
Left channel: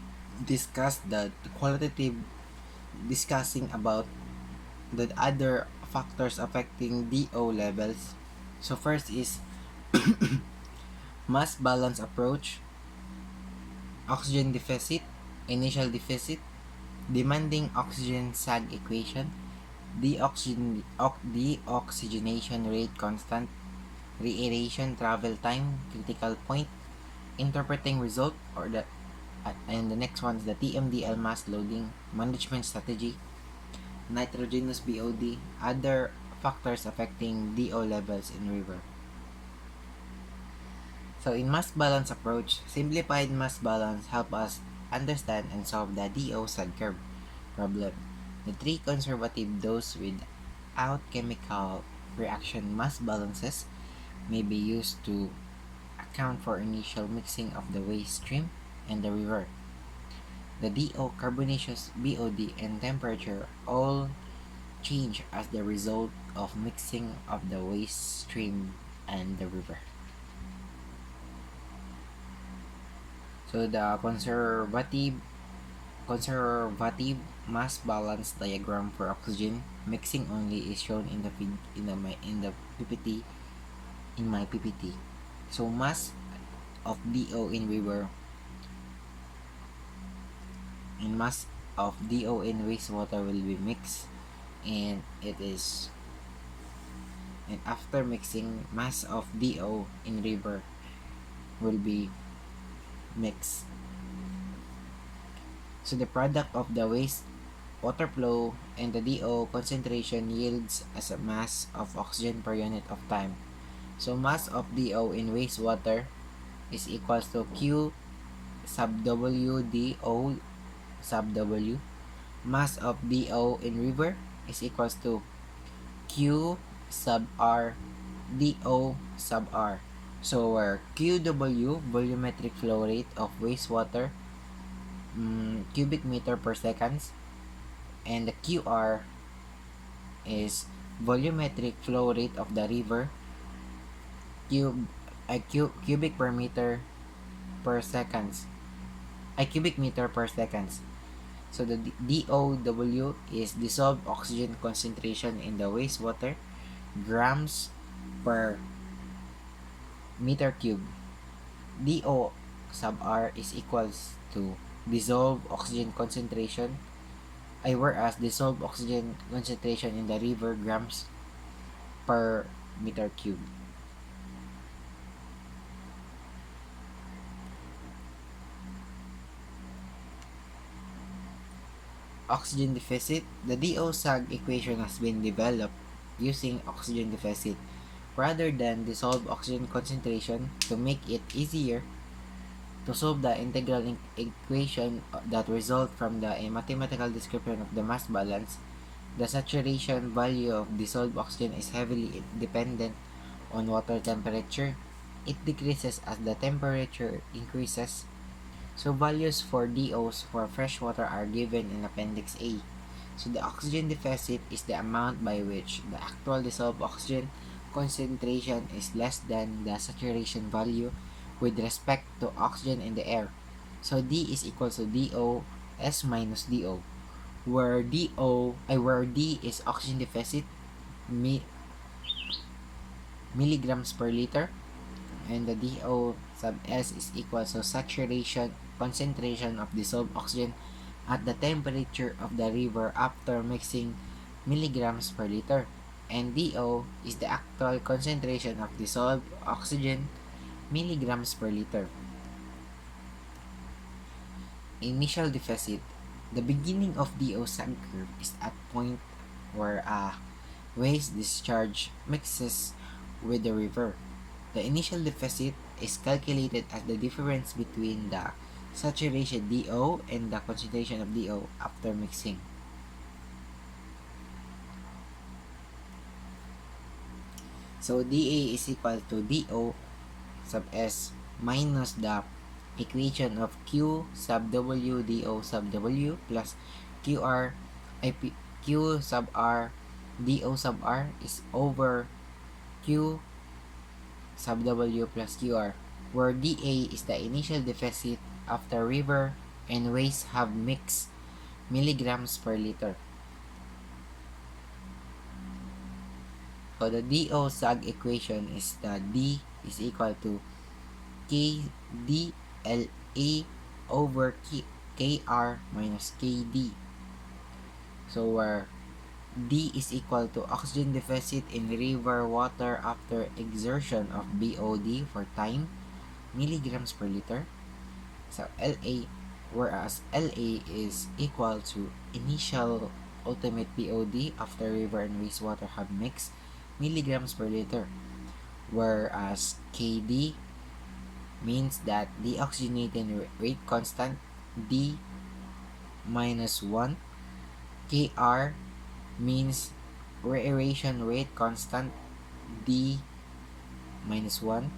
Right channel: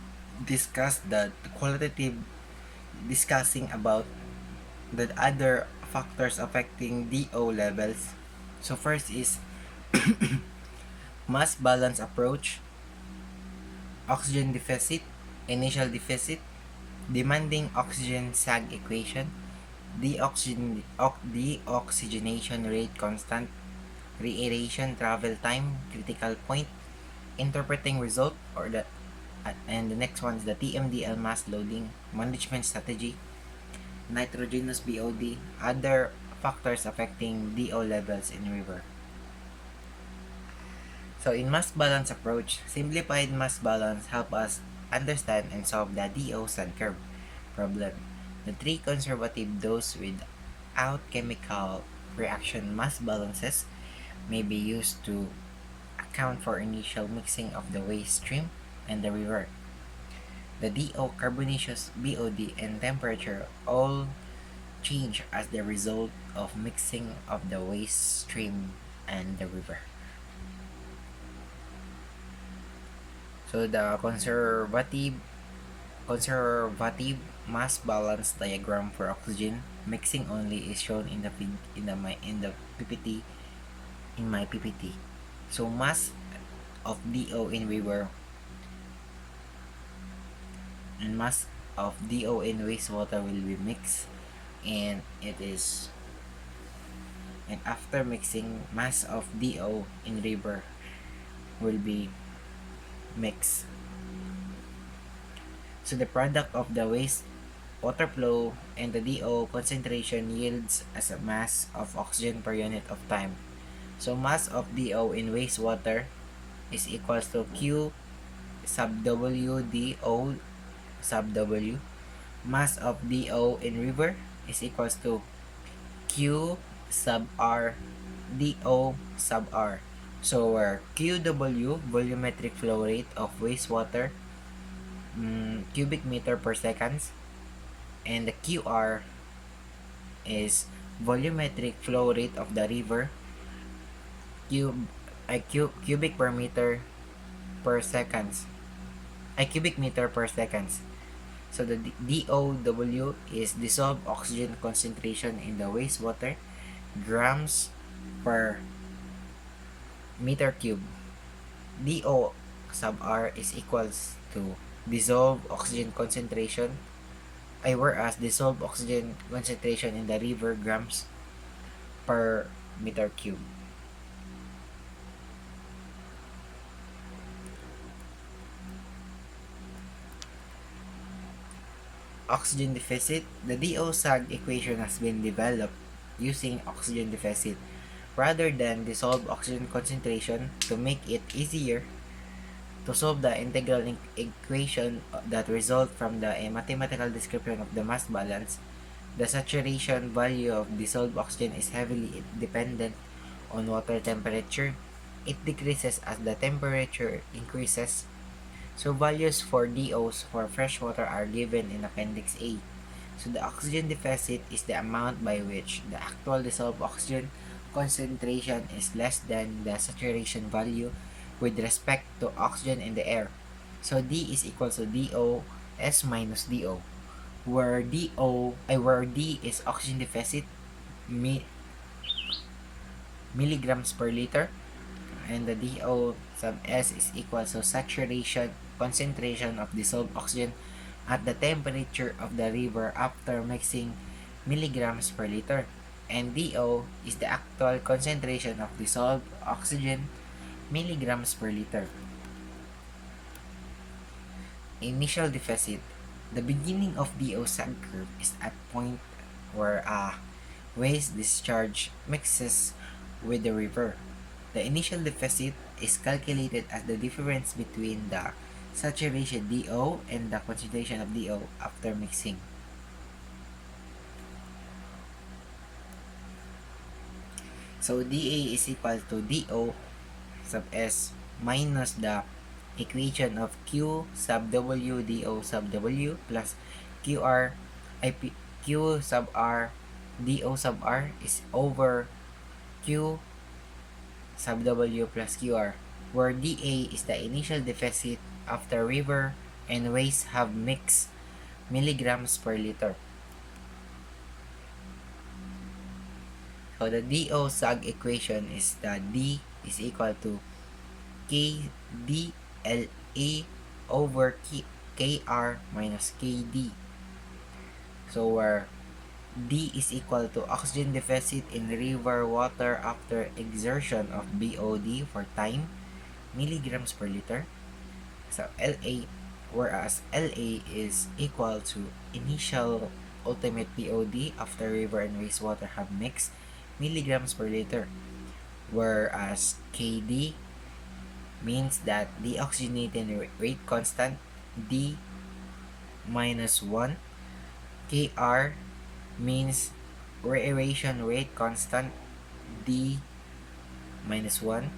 discuss the qualitative discussing about the other factors affecting DO levels. So first is mass balance approach, oxygen deficit, initial deficit, demanding oxygen sag equation, deoxygenation rate constant, reaeration travel time, critical point, interpreting result, or that and the next one is the TMDL mass loading management strategy, nitrogenous BOD, other factors affecting DO levels in river. So in mass balance approach, simplified mass balance help us understand and solve the DO sag curve problem. The three conservative dose without chemical reaction mass balances may be used to account for initial mixing of the waste stream and the river. The DO, carbonaceous BOD, and temperature all change as the result of mixing of the waste stream and the river. So the conservative mass balance diagram for oxygen mixing only is shown in the PPT in my PPT. So mass of DO in river and mass of DO in wastewater will be mixed, and after mixing, mass of DO in river will be mixed. So the product of the waste water flow and the DO concentration yields as a mass of oxygen per unit of time. So mass of DO in wastewater is equals to Q sub W DO sub W. Mass of DO in river is equals to Q sub R DO sub R. So where QW, volumetric flow rate of wastewater, cubic meter per seconds, and the QR is volumetric flow rate of the river, cubic per meter per seconds, cubic meter per seconds. So the DOW is dissolved oxygen concentration in the wastewater, grams per meter cube. DO sub R is equals to dissolved oxygen concentration, whereas dissolved oxygen concentration in the river, grams per meter cube. Oxygen deficit. The DO sag equation has been developed using oxygen deficit rather than dissolved oxygen concentration to make it easier to solve the integral equation that result from the mathematical description of the mass balance. The saturation value of dissolved oxygen is heavily dependent on water temperature. It decreases as the temperature increases. So values for DOs for freshwater are given in Appendix A. So the oxygen deficit is the amount by which the actual dissolved oxygen concentration is less than the saturation value with respect to oxygen in the air. So D is equal to DO S minus DO, where D is oxygen deficit, milligrams per liter, and the DO sub S is equal to saturation concentration of dissolved oxygen at the temperature of the river after mixing, milligrams per liter, and DO is the actual concentration of dissolved oxygen, milligrams per liter. Initial deficit. The beginning of DO sag curve is at point where a waste discharge mixes with the river. The initial deficit is calculated as the difference between the saturation DO and the concentration of DO after mixing. So dA is equal to DO sub S minus the equation of Q sub W DO sub W plus QR Q sub R DO sub R is over Q sub W plus QR, where dA is the initial deficit after river and waste have mixed milligrams per liter. So the DO-SAG equation is the D is equal to KDLA over KR minus KD. So where D is equal to oxygen deficit in river water after exertion of BOD for time, milligrams per liter. So LA, whereas LA is equal to initial ultimate BOD after river and wastewater have mixed, milligrams per liter. Whereas KD means that the oxygenating rate constant, D minus 1. KR means reaeration rate constant, D minus 1.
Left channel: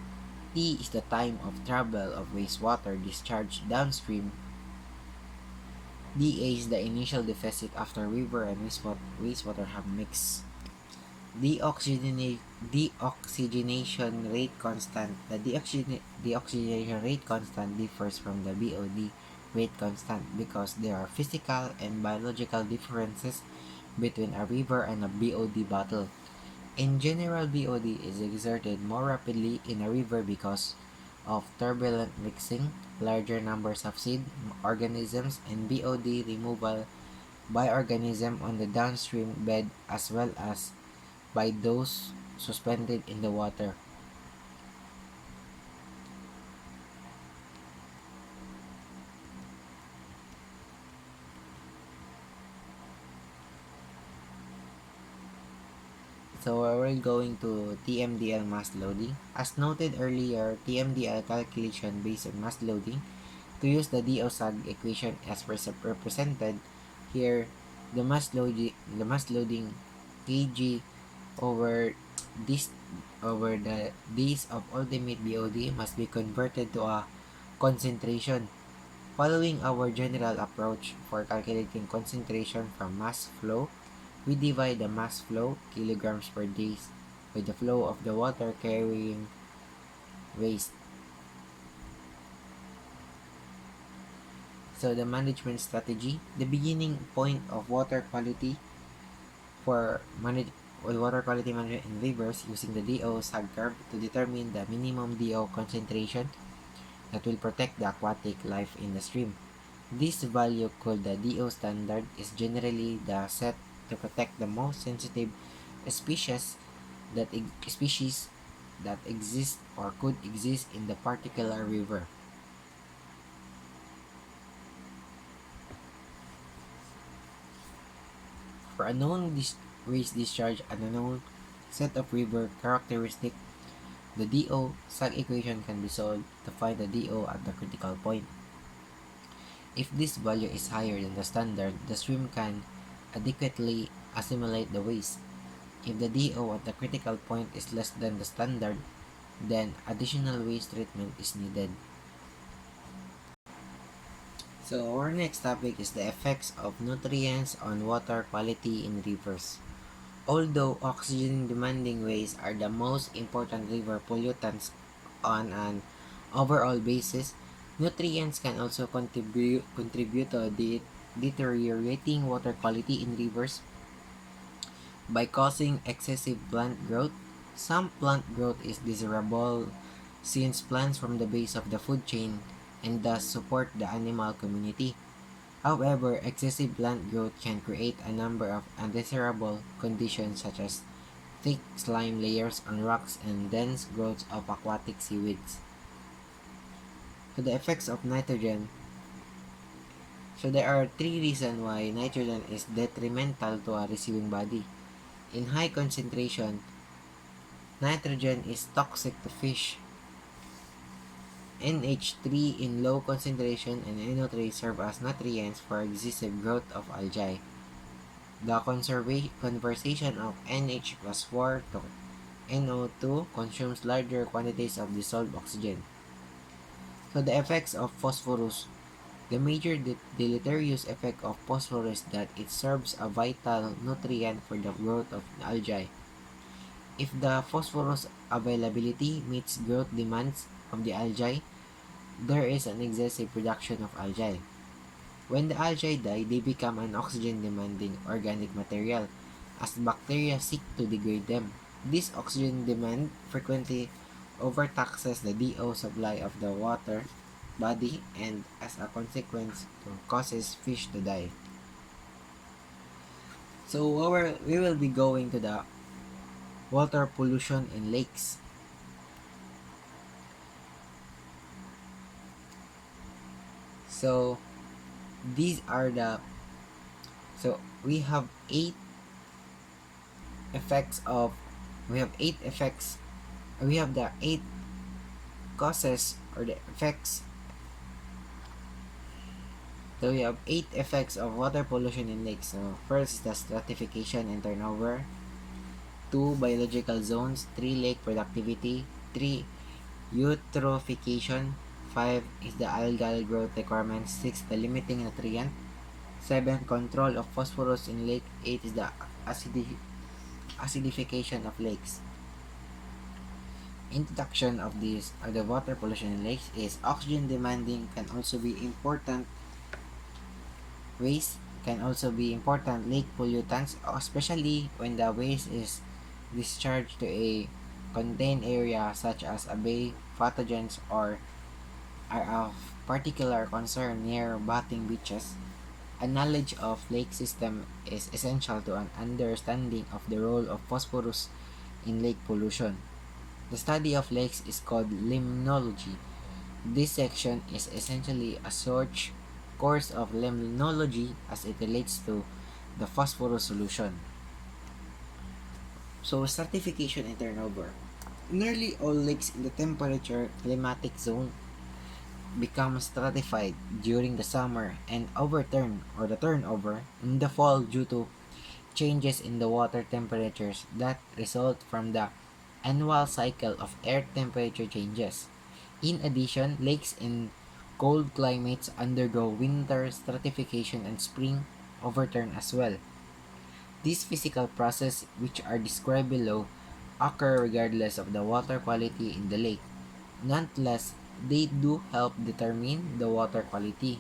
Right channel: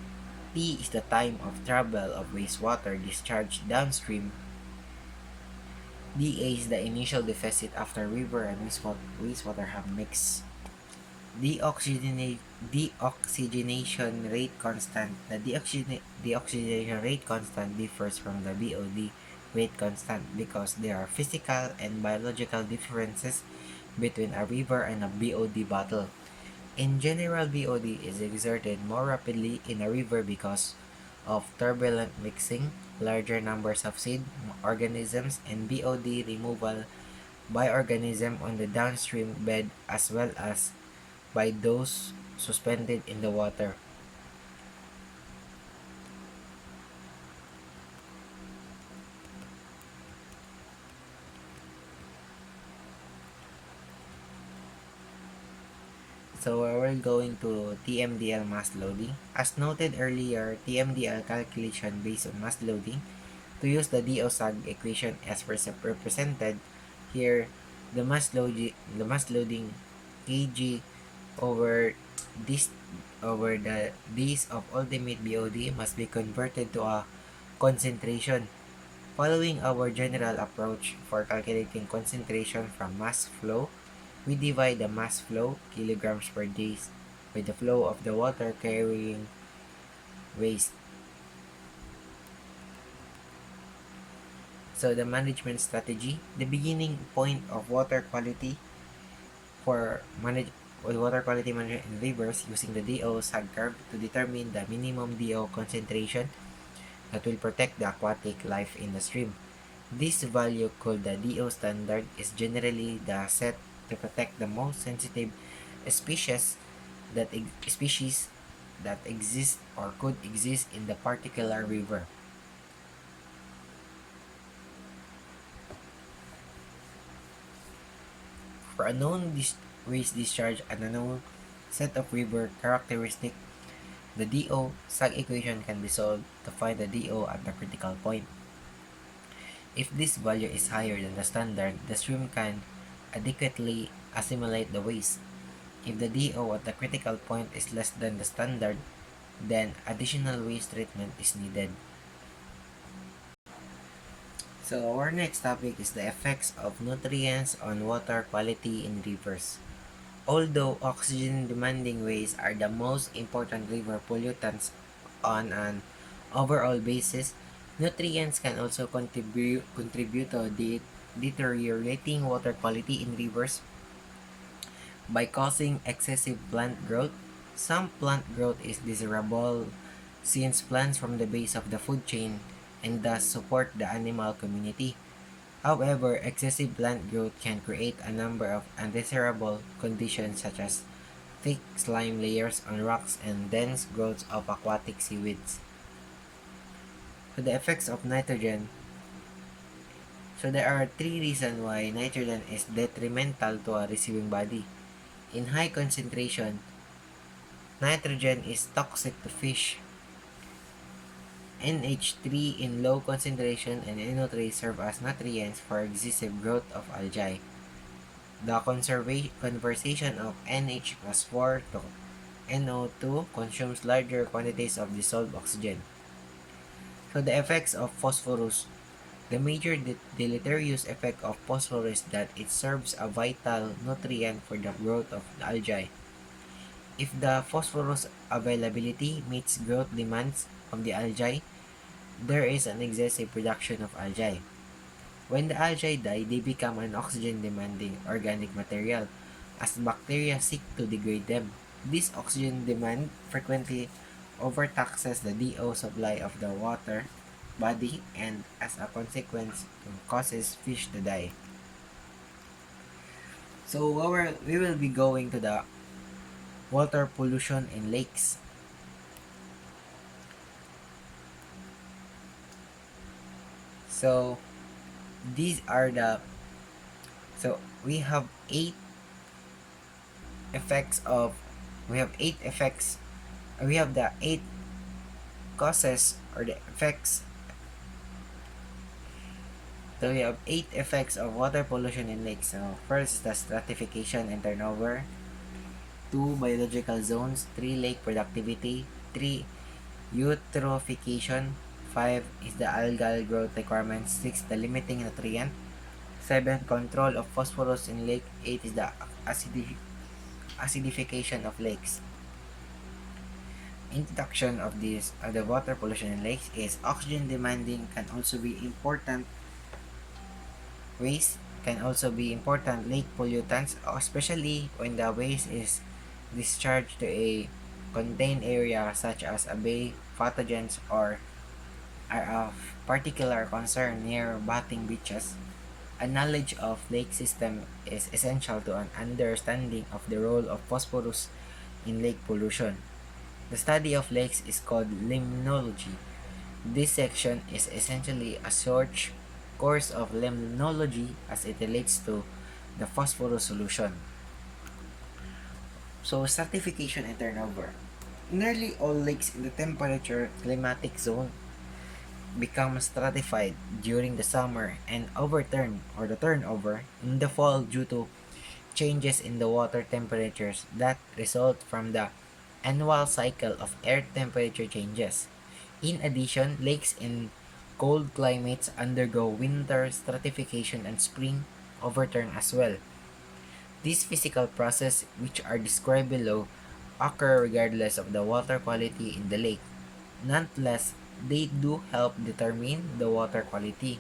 T is the time of travel of wastewater discharged downstream. dA is the initial deficit after river and wastewater have mixed. Deoxygenation rate constant. The deoxygenation rate constant differs from the BOD rate constant because there are physical and biological differences between a river and a BOD bottle. In general, BOD is exerted more rapidly in a river because of turbulent mixing, larger numbers of seed organisms, and BOD removal by organisms on the downstream bed as well as by those suspended in the water. So we're going to TMDL mass loading. As noted earlier, TMDL calculation based on mass loading. To use the DO-SAG equation as represented here, the mass loading kg over this over the days of ultimate BOD must be converted to a concentration. Following our general approach for calculating concentration from mass flow, we divide the mass flow, kilograms per day, by the flow of the water carrying waste. So the management strategy, the beginning point of water quality for water quality management in rivers using the DO-SAG curve to determine the minimum DO concentration that will protect the aquatic life in the stream. This value called the DO standard is generally the set to protect the most sensitive species that exist or could exist in the particular river. For a known waste discharge and a known set of river characteristic, the DO-SAG equation can be solved to find the DO at the critical point. If this value is higher than the standard, the stream can adequately assimilate the waste. If the DO at the critical point is less than the standard, then additional waste treatment is needed. So our next topic is the effects of nutrients on water quality in rivers. Although oxygen-demanding waste are the most important river pollutants on an overall basis, nutrients can also contribute to deteriorating water quality in rivers by causing excessive plant growth. Some plant growth is desirable since plants from the base of the food chain and thus support the animal community. However, excessive plant growth can create a number of undesirable conditions such as thick slime layers on rocks and dense growths of aquatic seaweeds. So the effects of nitrogen. So there are three reasons why nitrogen is detrimental to a receiving body. In high concentration, nitrogen is toxic to fish. NH3 in low concentration and NO3 serve as nutrients for excessive growth of algae. The conversion of NH plus 4 to NO2 consumes larger quantities of dissolved oxygen. So the effects of phosphorus. The major deleterious effect of phosphorus is that it serves a vital nutrient for the growth of the algae. If the phosphorus availability meets growth demands of the algae, there is an excessive production of algae. When the algae die, they become an oxygen-demanding organic material as bacteria seek to degrade them. This oxygen demand frequently overtaxes the DO supply of the water body and as a consequence causes fish to die. So we will be going to the water pollution in lakes. So these are the so we have effects of we have eight effects we have the eight causes or the effects. So we have eight effects of water pollution in lakes. So first is the stratification and turnover. Two, biological zones. Three, lake productivity. Three, eutrophication. Five is the algal growth requirements. Six, the limiting nutrient. Seven, control of phosphorus in lake. Eight is the acidification of lakes. Introduction of the water pollution in lakes is oxygen demanding can also be important. Waste can also be important lake pollutants, especially when the waste is discharged to a contained area such as a bay. Pathogens or are of particular concern near bathing beaches. A knowledge of lake system is essential to an understanding of the role of phosphorus in lake pollution. The study of lakes is called limnology. This section is essentially a short course of limnology as it relates to the phosphorus solution. So, stratification and turnover. Nearly all lakes in the temperature climatic zone become stratified during the summer and overturn or the turnover in the fall due to changes in the water temperatures that result from the annual cycle of air temperature changes. In addition, lakes in cold climates undergo winter stratification and spring overturn as well. These physical processes, which are described below, occur regardless of the water quality in the lake. Nonetheless, they do help determine the water quality.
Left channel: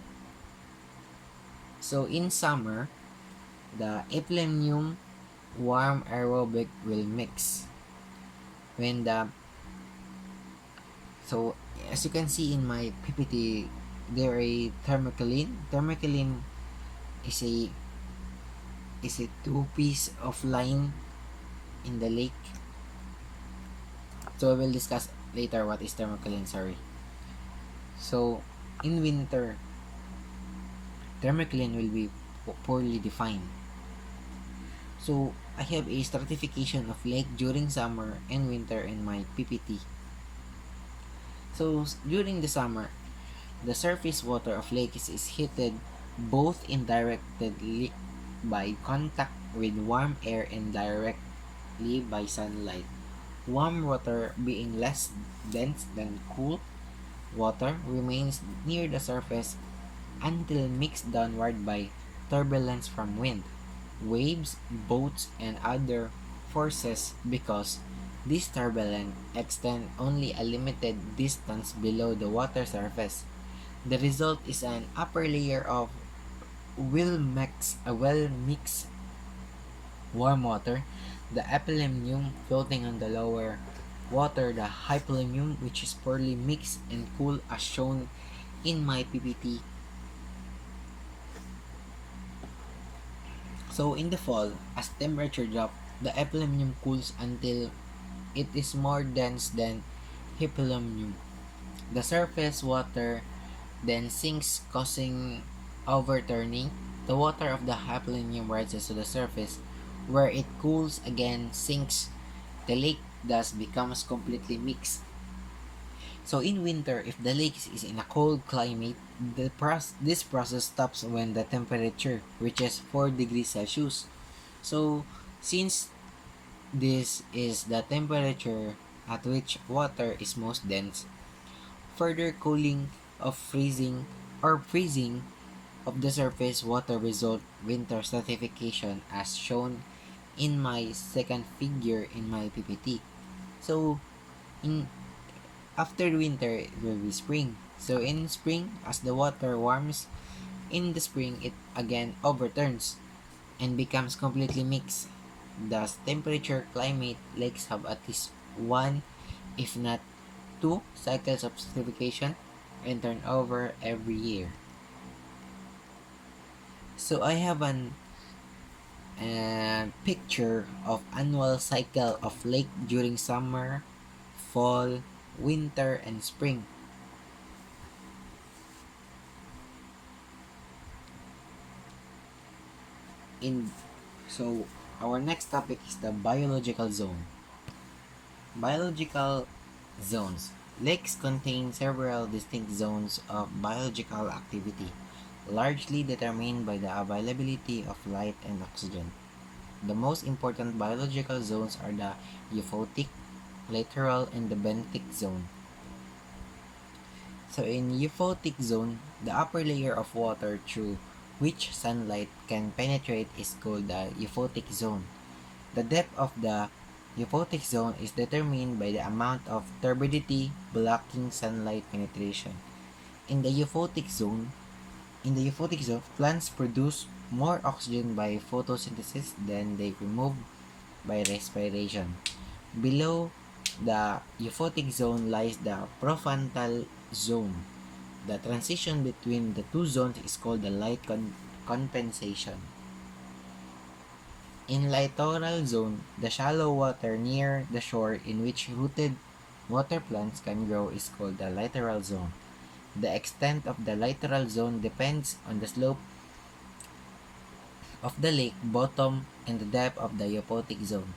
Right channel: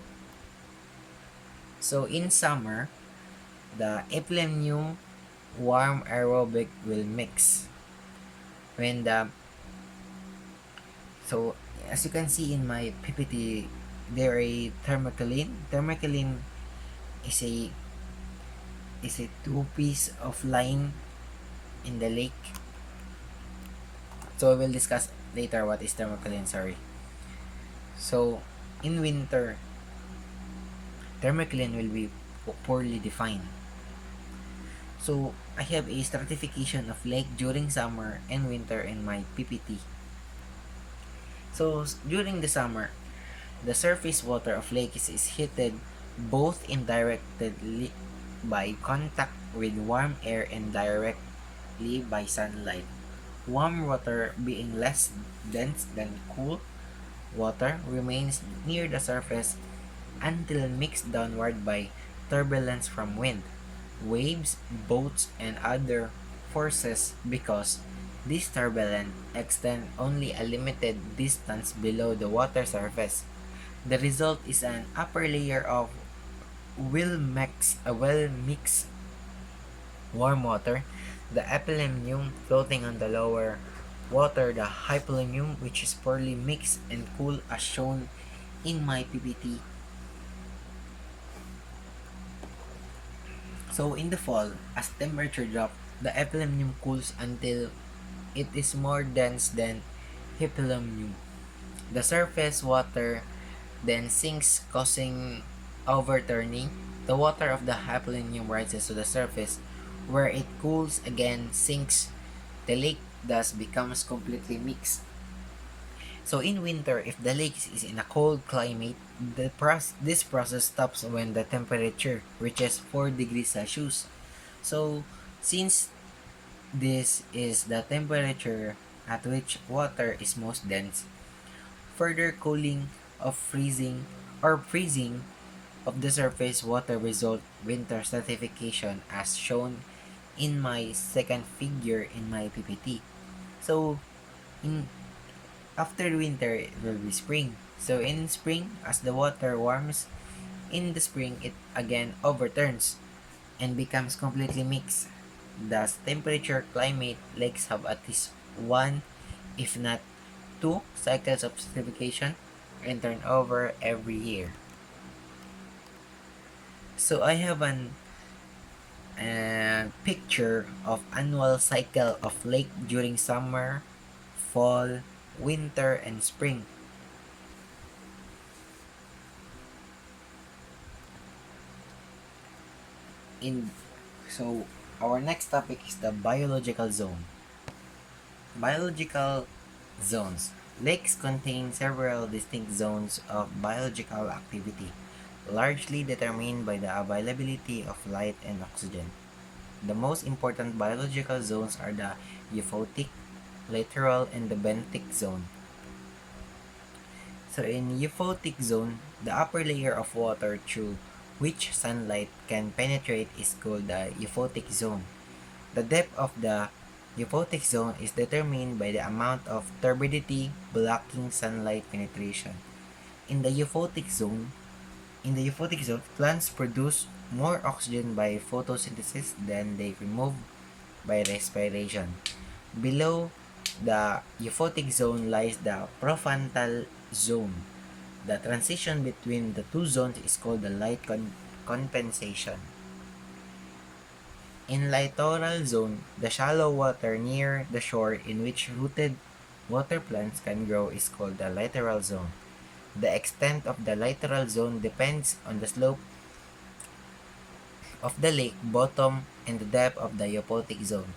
So in summer, the epilemium warm aerobic will mix. When the so as you can see in my PPT, there a thermocline. Thermocline is a two piece of line in the lake. So we will discuss later what is thermocline. Sorry. So in winter, thermocline will be poorly defined. So I have a stratification of lake during summer and winter in my PPT. So during the summer, the surface water of lakes is heated both indirectly by contact with warm air and directly by sunlight. Warm water, being less dense than cool water, remains near the surface until mixed downward by turbulence from wind, waves, boats, and other forces because this turbulence extends only a limited distance below the water surface. The result is an upper layer of well-mixed warm water, the epilemium floating on the lower water, the hypolemium which is poorly mixed and cool as shown in my PPT. So in the fall, as temperature drops, the epilemium cools until it is more dense than hypolemium. The surface water then sinks, causing overturning. The water of the hypolemium rises to the surface, where it cools again, sinks. The lake thus becomes completely mixed. So in winter, if the lake is in a cold climate, this process stops when the temperature reaches 4 degrees Celsius. So since this is the temperature at which water is most dense, further cooling of freezing of the surface water result winter stratification as shown in my second figure in my PPT. So in after winter it will be spring. So in spring, as the water warms, In the spring, it again overturns and becomes completely mixed. Thus, temperature climate lakes have at least one, if not two, cycles of acidification and turnover every year. So I have an picture of annual cycle of lake during summer, fall, winter, and spring. In so our next topic is the biological zone. Biological zones. Lakes contain several distinct zones of biological activity, largely determined by the availability of light and oxygen. The most important biological zones are the euphotic, littoral, and the benthic zone. So in euphotic zone, the upper layer of water through which sunlight can penetrate is called the euphotic zone. The depth of the euphotic zone is determined by the amount of turbidity blocking sunlight penetration. In the euphotic zone, plants produce more oxygen by photosynthesis than they remove by respiration. Below the euphotic zone lies the prefrontal zone. The transition between the two zones is called the light compensation. In littoral zone, the shallow water near the shore in which rooted water plants can grow is called the littoral zone. The extent of the littoral zone depends on the slope of the lake bottom and the depth of the euphotic zone.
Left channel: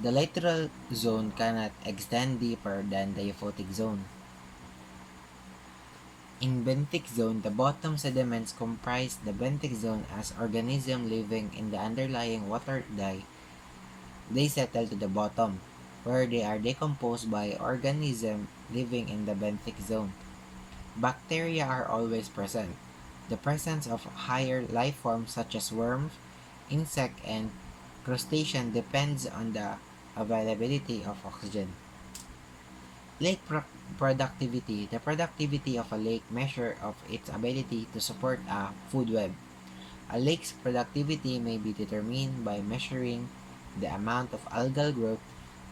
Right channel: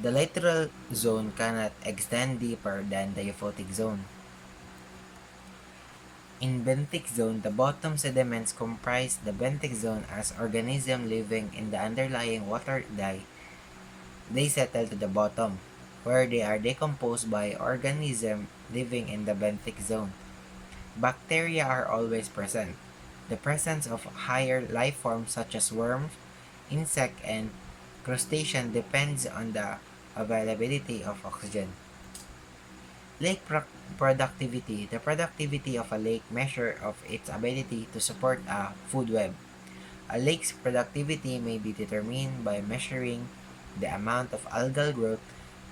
The littoral zone cannot extend deeper than the euphotic zone. In benthic zone, the bottom sediments comprise the benthic zone as organisms living in the underlying water they settle to the bottom, where they are decomposed by organisms living in the benthic zone. Bacteria are always present. The presence of higher life forms such as worms, insect, and crustacean depends on the availability of oxygen. Lake productivity. The productivity of a lake measure of its ability to support a food web. A lake's productivity may be determined by measuring the amount of algal growth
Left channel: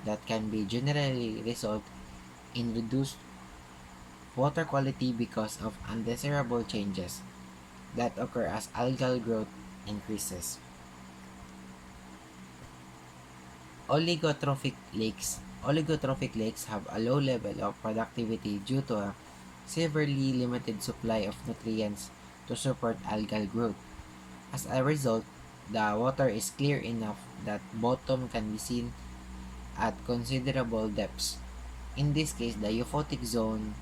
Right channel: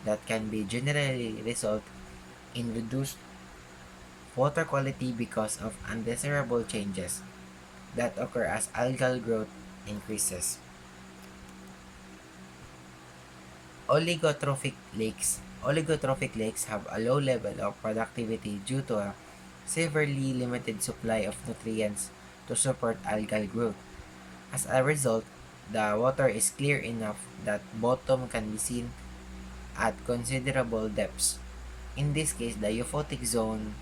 that can be generally result in reduced water quality because of undesirable changes that occur as algal growth increases. Oligotrophic lakes. Oligotrophic lakes have a low level of productivity due to a severely limited supply of nutrients to support algal growth. As a result, the water is clear enough that bottom can be seen at considerable depths. In this case, the euphotic zone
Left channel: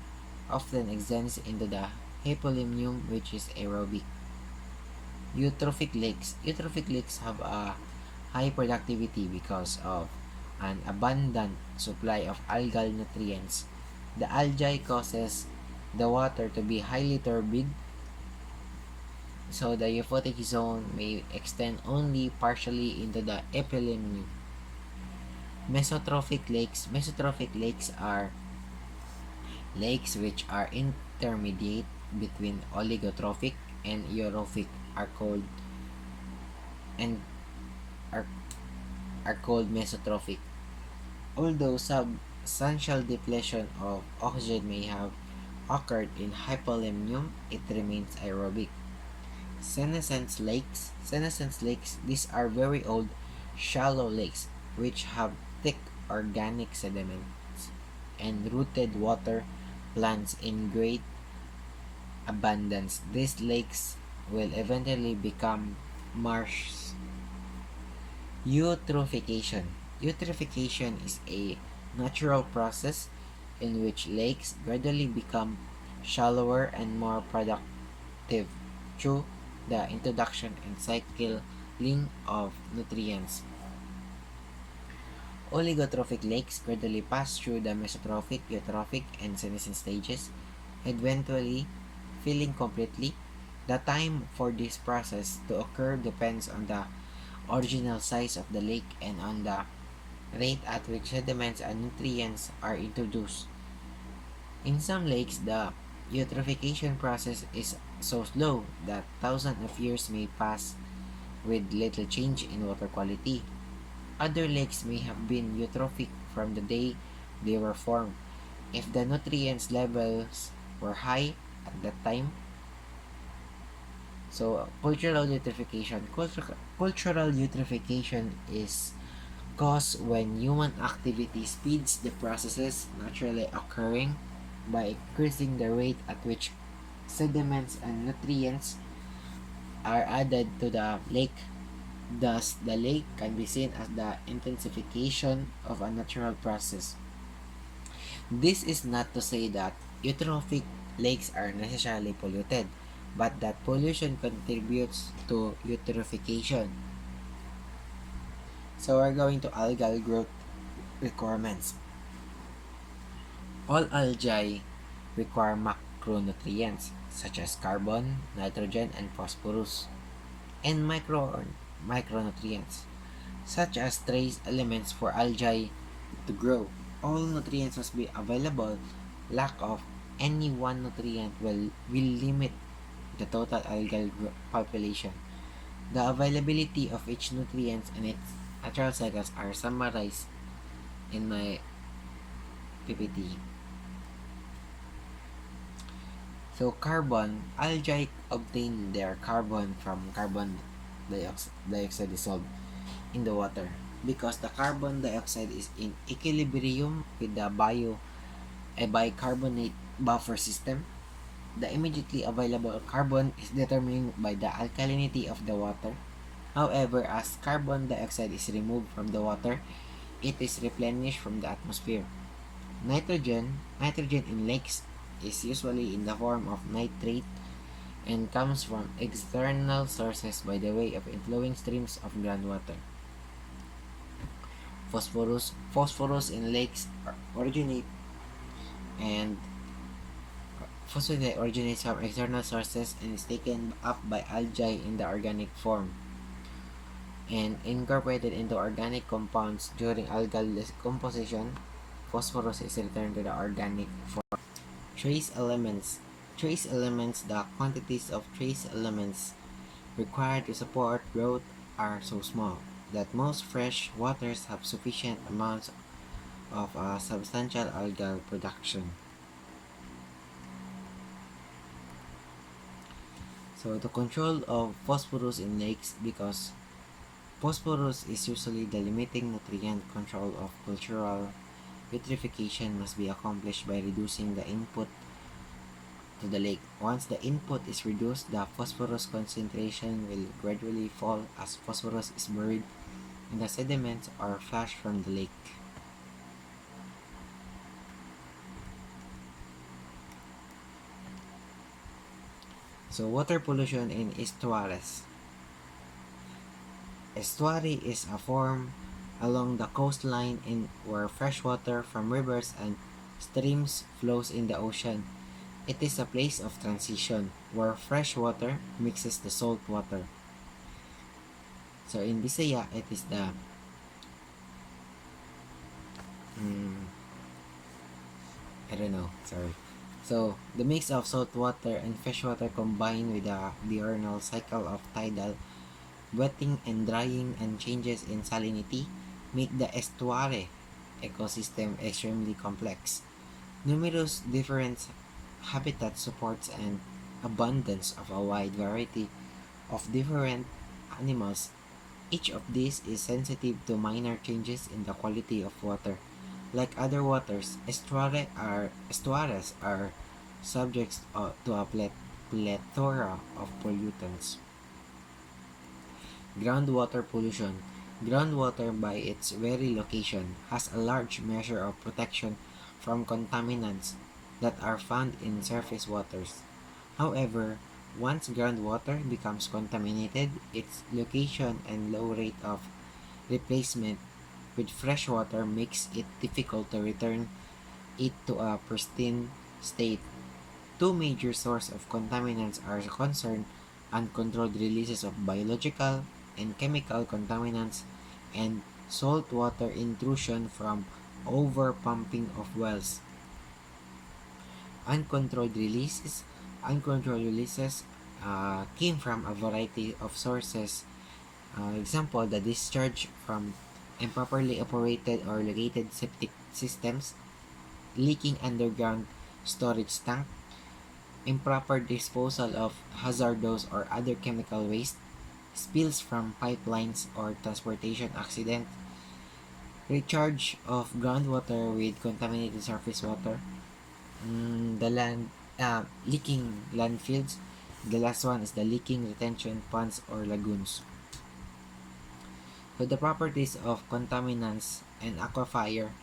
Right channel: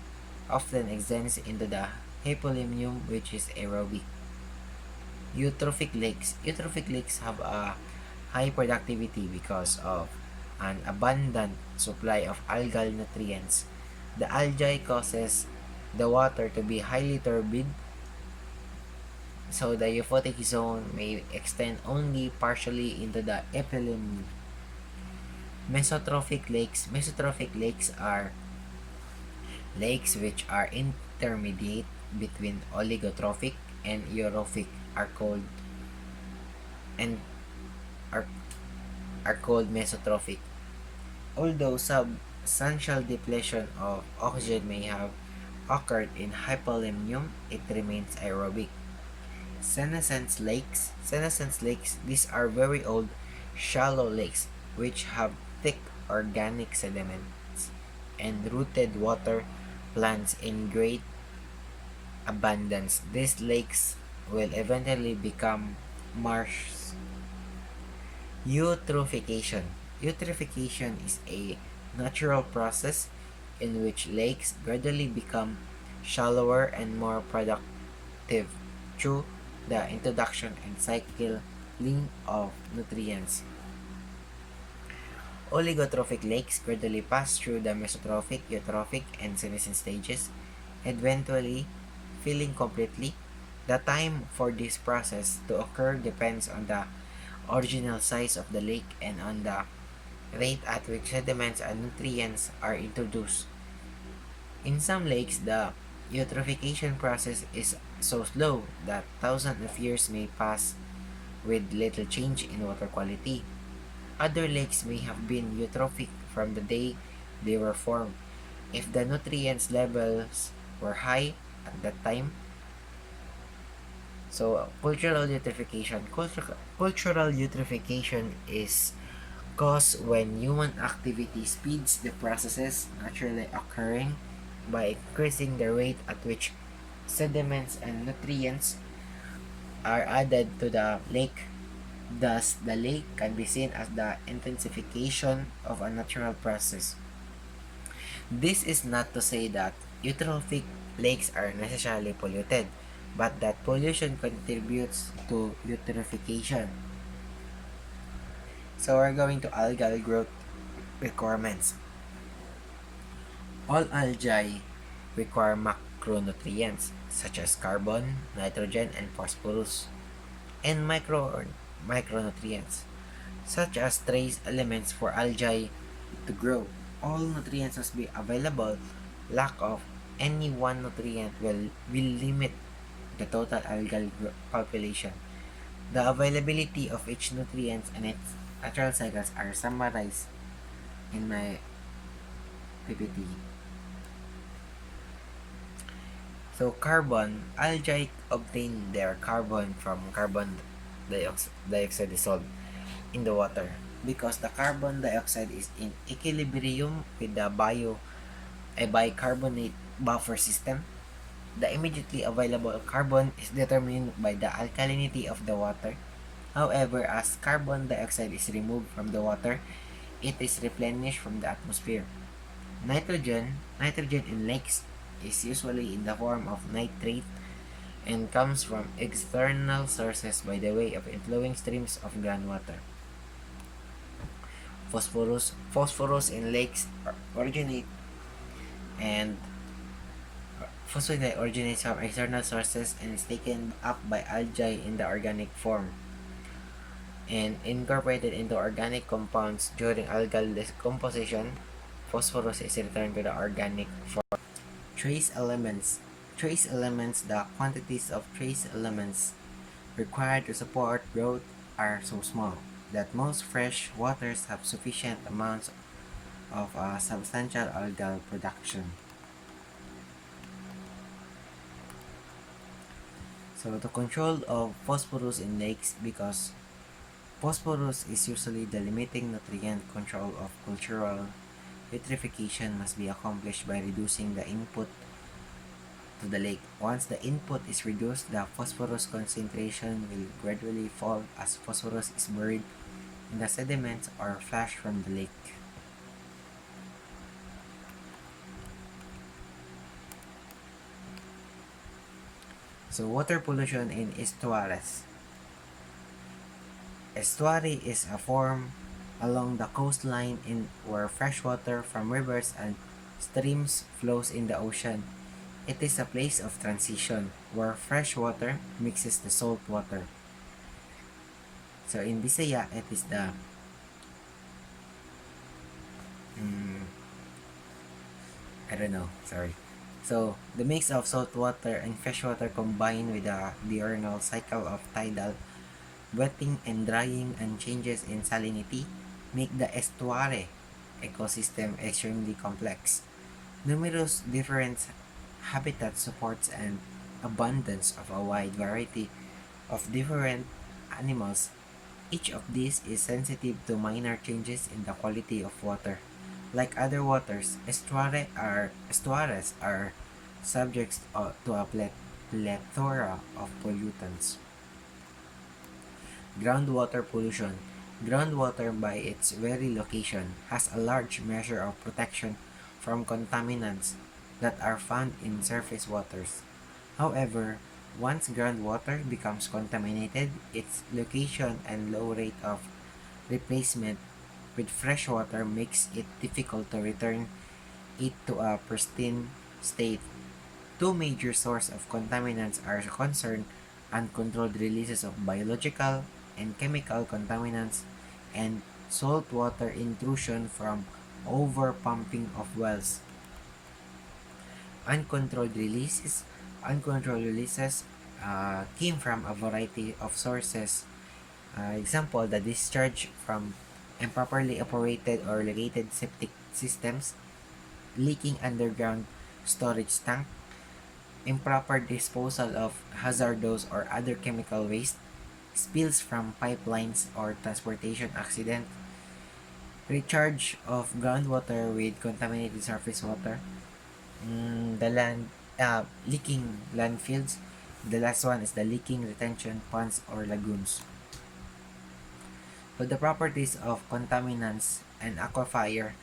often extends into the hypolimnium, which is aerobic. Eutrophic lakes. Eutrophic lakes have a high productivity because of an abundant supply of algal nutrients. The algae causes the water to be highly turbid, so the euphotic zone may extend only partially into the epilemium. Mesotrophic lakes. Mesotrophic lakes are lakes which are intermediate between oligotrophic and eutrophic are called and are, are called mesotrophic. Although substantial depletion of oxygen may have occurred in hypolimnium, it remains aerobic. Senescence lakes. Senescence lakes, these are very old, shallow lakes which have thick organic sediments and rooted water plants in great abundance. These lakes will eventually become marshes. Eutrophication. Eutrophication is a natural process in which lakes gradually become shallower and more productive through the introduction and cycling of nutrients. Oligotrophic lakes gradually pass through the mesotrophic, eutrophic, and senescent stages, eventually filling completely. The time for this process to occur depends on the original size of the lake and on the rate at which sediments and nutrients are introduced. In some lakes, the Eutrophication process is so slow that thousands of years may pass with little change in water quality. Other lakes may have been eutrophic from the day they were formed. If the nutrients levels were high at that time, so cultural eutrophication is caused when human activity speeds the processes naturally occurring by increasing the rate at which sediments and nutrients are added to the lake. Thus, the lake can be seen as the intensification of a natural process. This is not to say that eutrophic lakes are necessarily polluted, but that pollution contributes to eutrophication. So we're going to algal growth requirements. All algae require macronutrients such as carbon, nitrogen, and phosphorus, and micronutrients such as trace elements for algae to grow. All nutrients must be available. Lack of any one nutrient will limit the total algal population. The availability of each nutrient and its natural cycles are summarized in my PPT. So carbon, algae obtain their carbon from carbon dioxide dissolved in the water because the carbon dioxide is in equilibrium with the a bicarbonate buffer system. The immediately available carbon is determined by the alkalinity of the water. However, as carbon dioxide is removed from the water, it is replenished from the atmosphere. Nitrogen in lakes is usually in the form of nitrate and comes from external sources by the way of inflowing streams of groundwater. Phosphorus in lakes originate and phosphorus originates from external sources and is taken up by algae in the organic form and incorporated into organic compounds during algal decomposition. Phosphorus is returned to the organic form. Trace elements. The quantities of trace elements required to support growth are so small that most fresh waters have sufficient amounts of substantial algal production. So the control of phosphorus in lakes, because phosphorus is usually the limiting nutrient, control of cultural eutrophication must be accomplished by reducing the input to the lake. Once the input is reduced, the phosphorus concentration will gradually fall as phosphorus is buried in the sediments or flushed from the lake. So water pollution in estuaries. Estuary is a form along the coastline in where fresh water from rivers and streams flows in the ocean. It is a place of transition where fresh water mixes the salt water. So in Bisaya, it is the I don't know, sorry. So the mix of salt water and fresh water combined with the diurnal cycle of tidal wetting and drying and changes in salinity make the estuary ecosystem extremely complex. Numerous different habitat supports an abundance of a wide variety of different animals. Each of these is sensitive to minor changes in the quality of water. Like other waters, estuaries are subject to a plethora of pollutants. Groundwater pollution. Groundwater, by its very location, has a large measure of protection from contaminants that are found in surface waters. However, once groundwater becomes contaminated, its location and low rate of replacement with fresh water makes it difficult to return it to a pristine state. Two major sources of contaminants are concerned: uncontrolled releases of biological and chemical contaminants and saltwater intrusion from overpumping of wells. Uncontrolled releases. Uncontrolled releases came from a variety of sources. Example, the discharge from improperly operated or located septic systems, leaking underground storage tank, improper disposal of hazardous or other chemical waste, spills from pipelines or transportation accident, recharge of groundwater with contaminated surface water, the land leaking landfills. The last one is the leaking retention ponds or lagoons. So the properties of contaminants and aquifer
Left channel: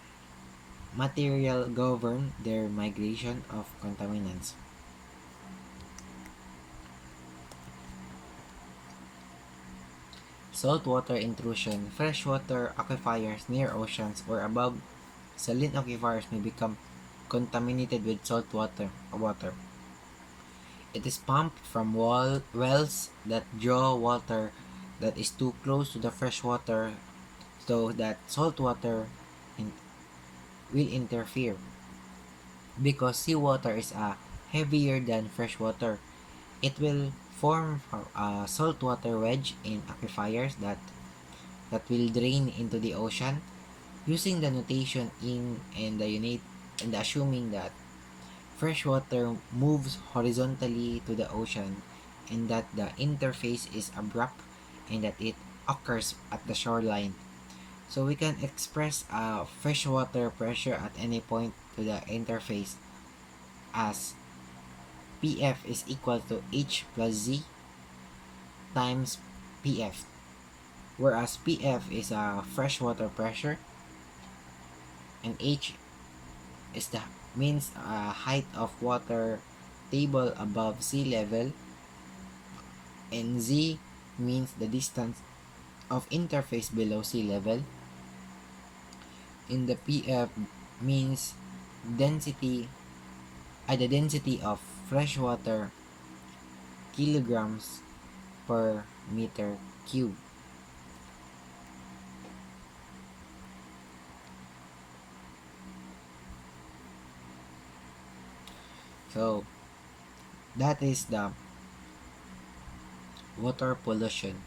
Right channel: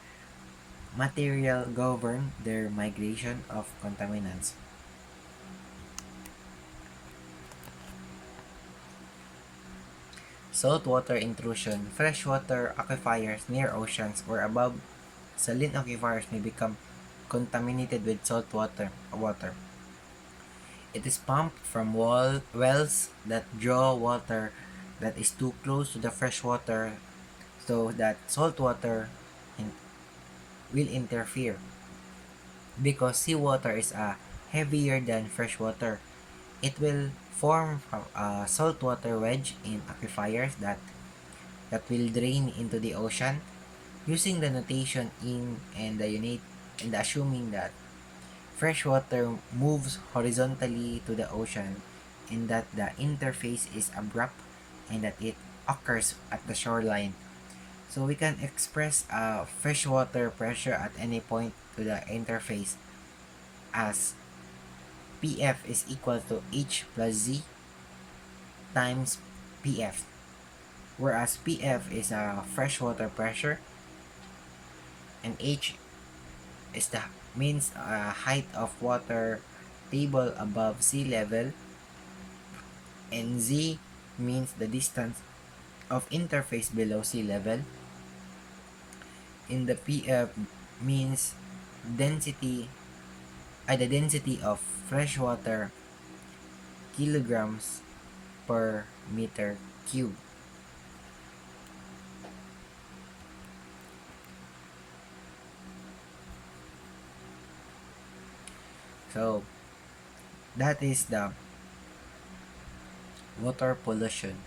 material govern their migration of contaminants. Saltwater intrusion. Freshwater aquifers near oceans or above saline aquifers may become contaminated with saltwater water. It is pumped from wells that draw water that is too close to the freshwater so that saltwater will interfere. Because seawater is heavier than freshwater, it will form a saltwater wedge in aquifers that will drain into the ocean. Using the notation in and the unit and assuming that freshwater moves horizontally to the ocean and that the interface is abrupt and that it occurs at the shoreline. So we can express freshwater pressure at any point to the interface as PF is equal to H plus Z times PF. Whereas PF is a freshwater pressure and H is the means height of water table above sea level, and Z means the distance of interface below sea level. In the PF means the density of freshwater kilograms per meter cube. So that is the water pollution.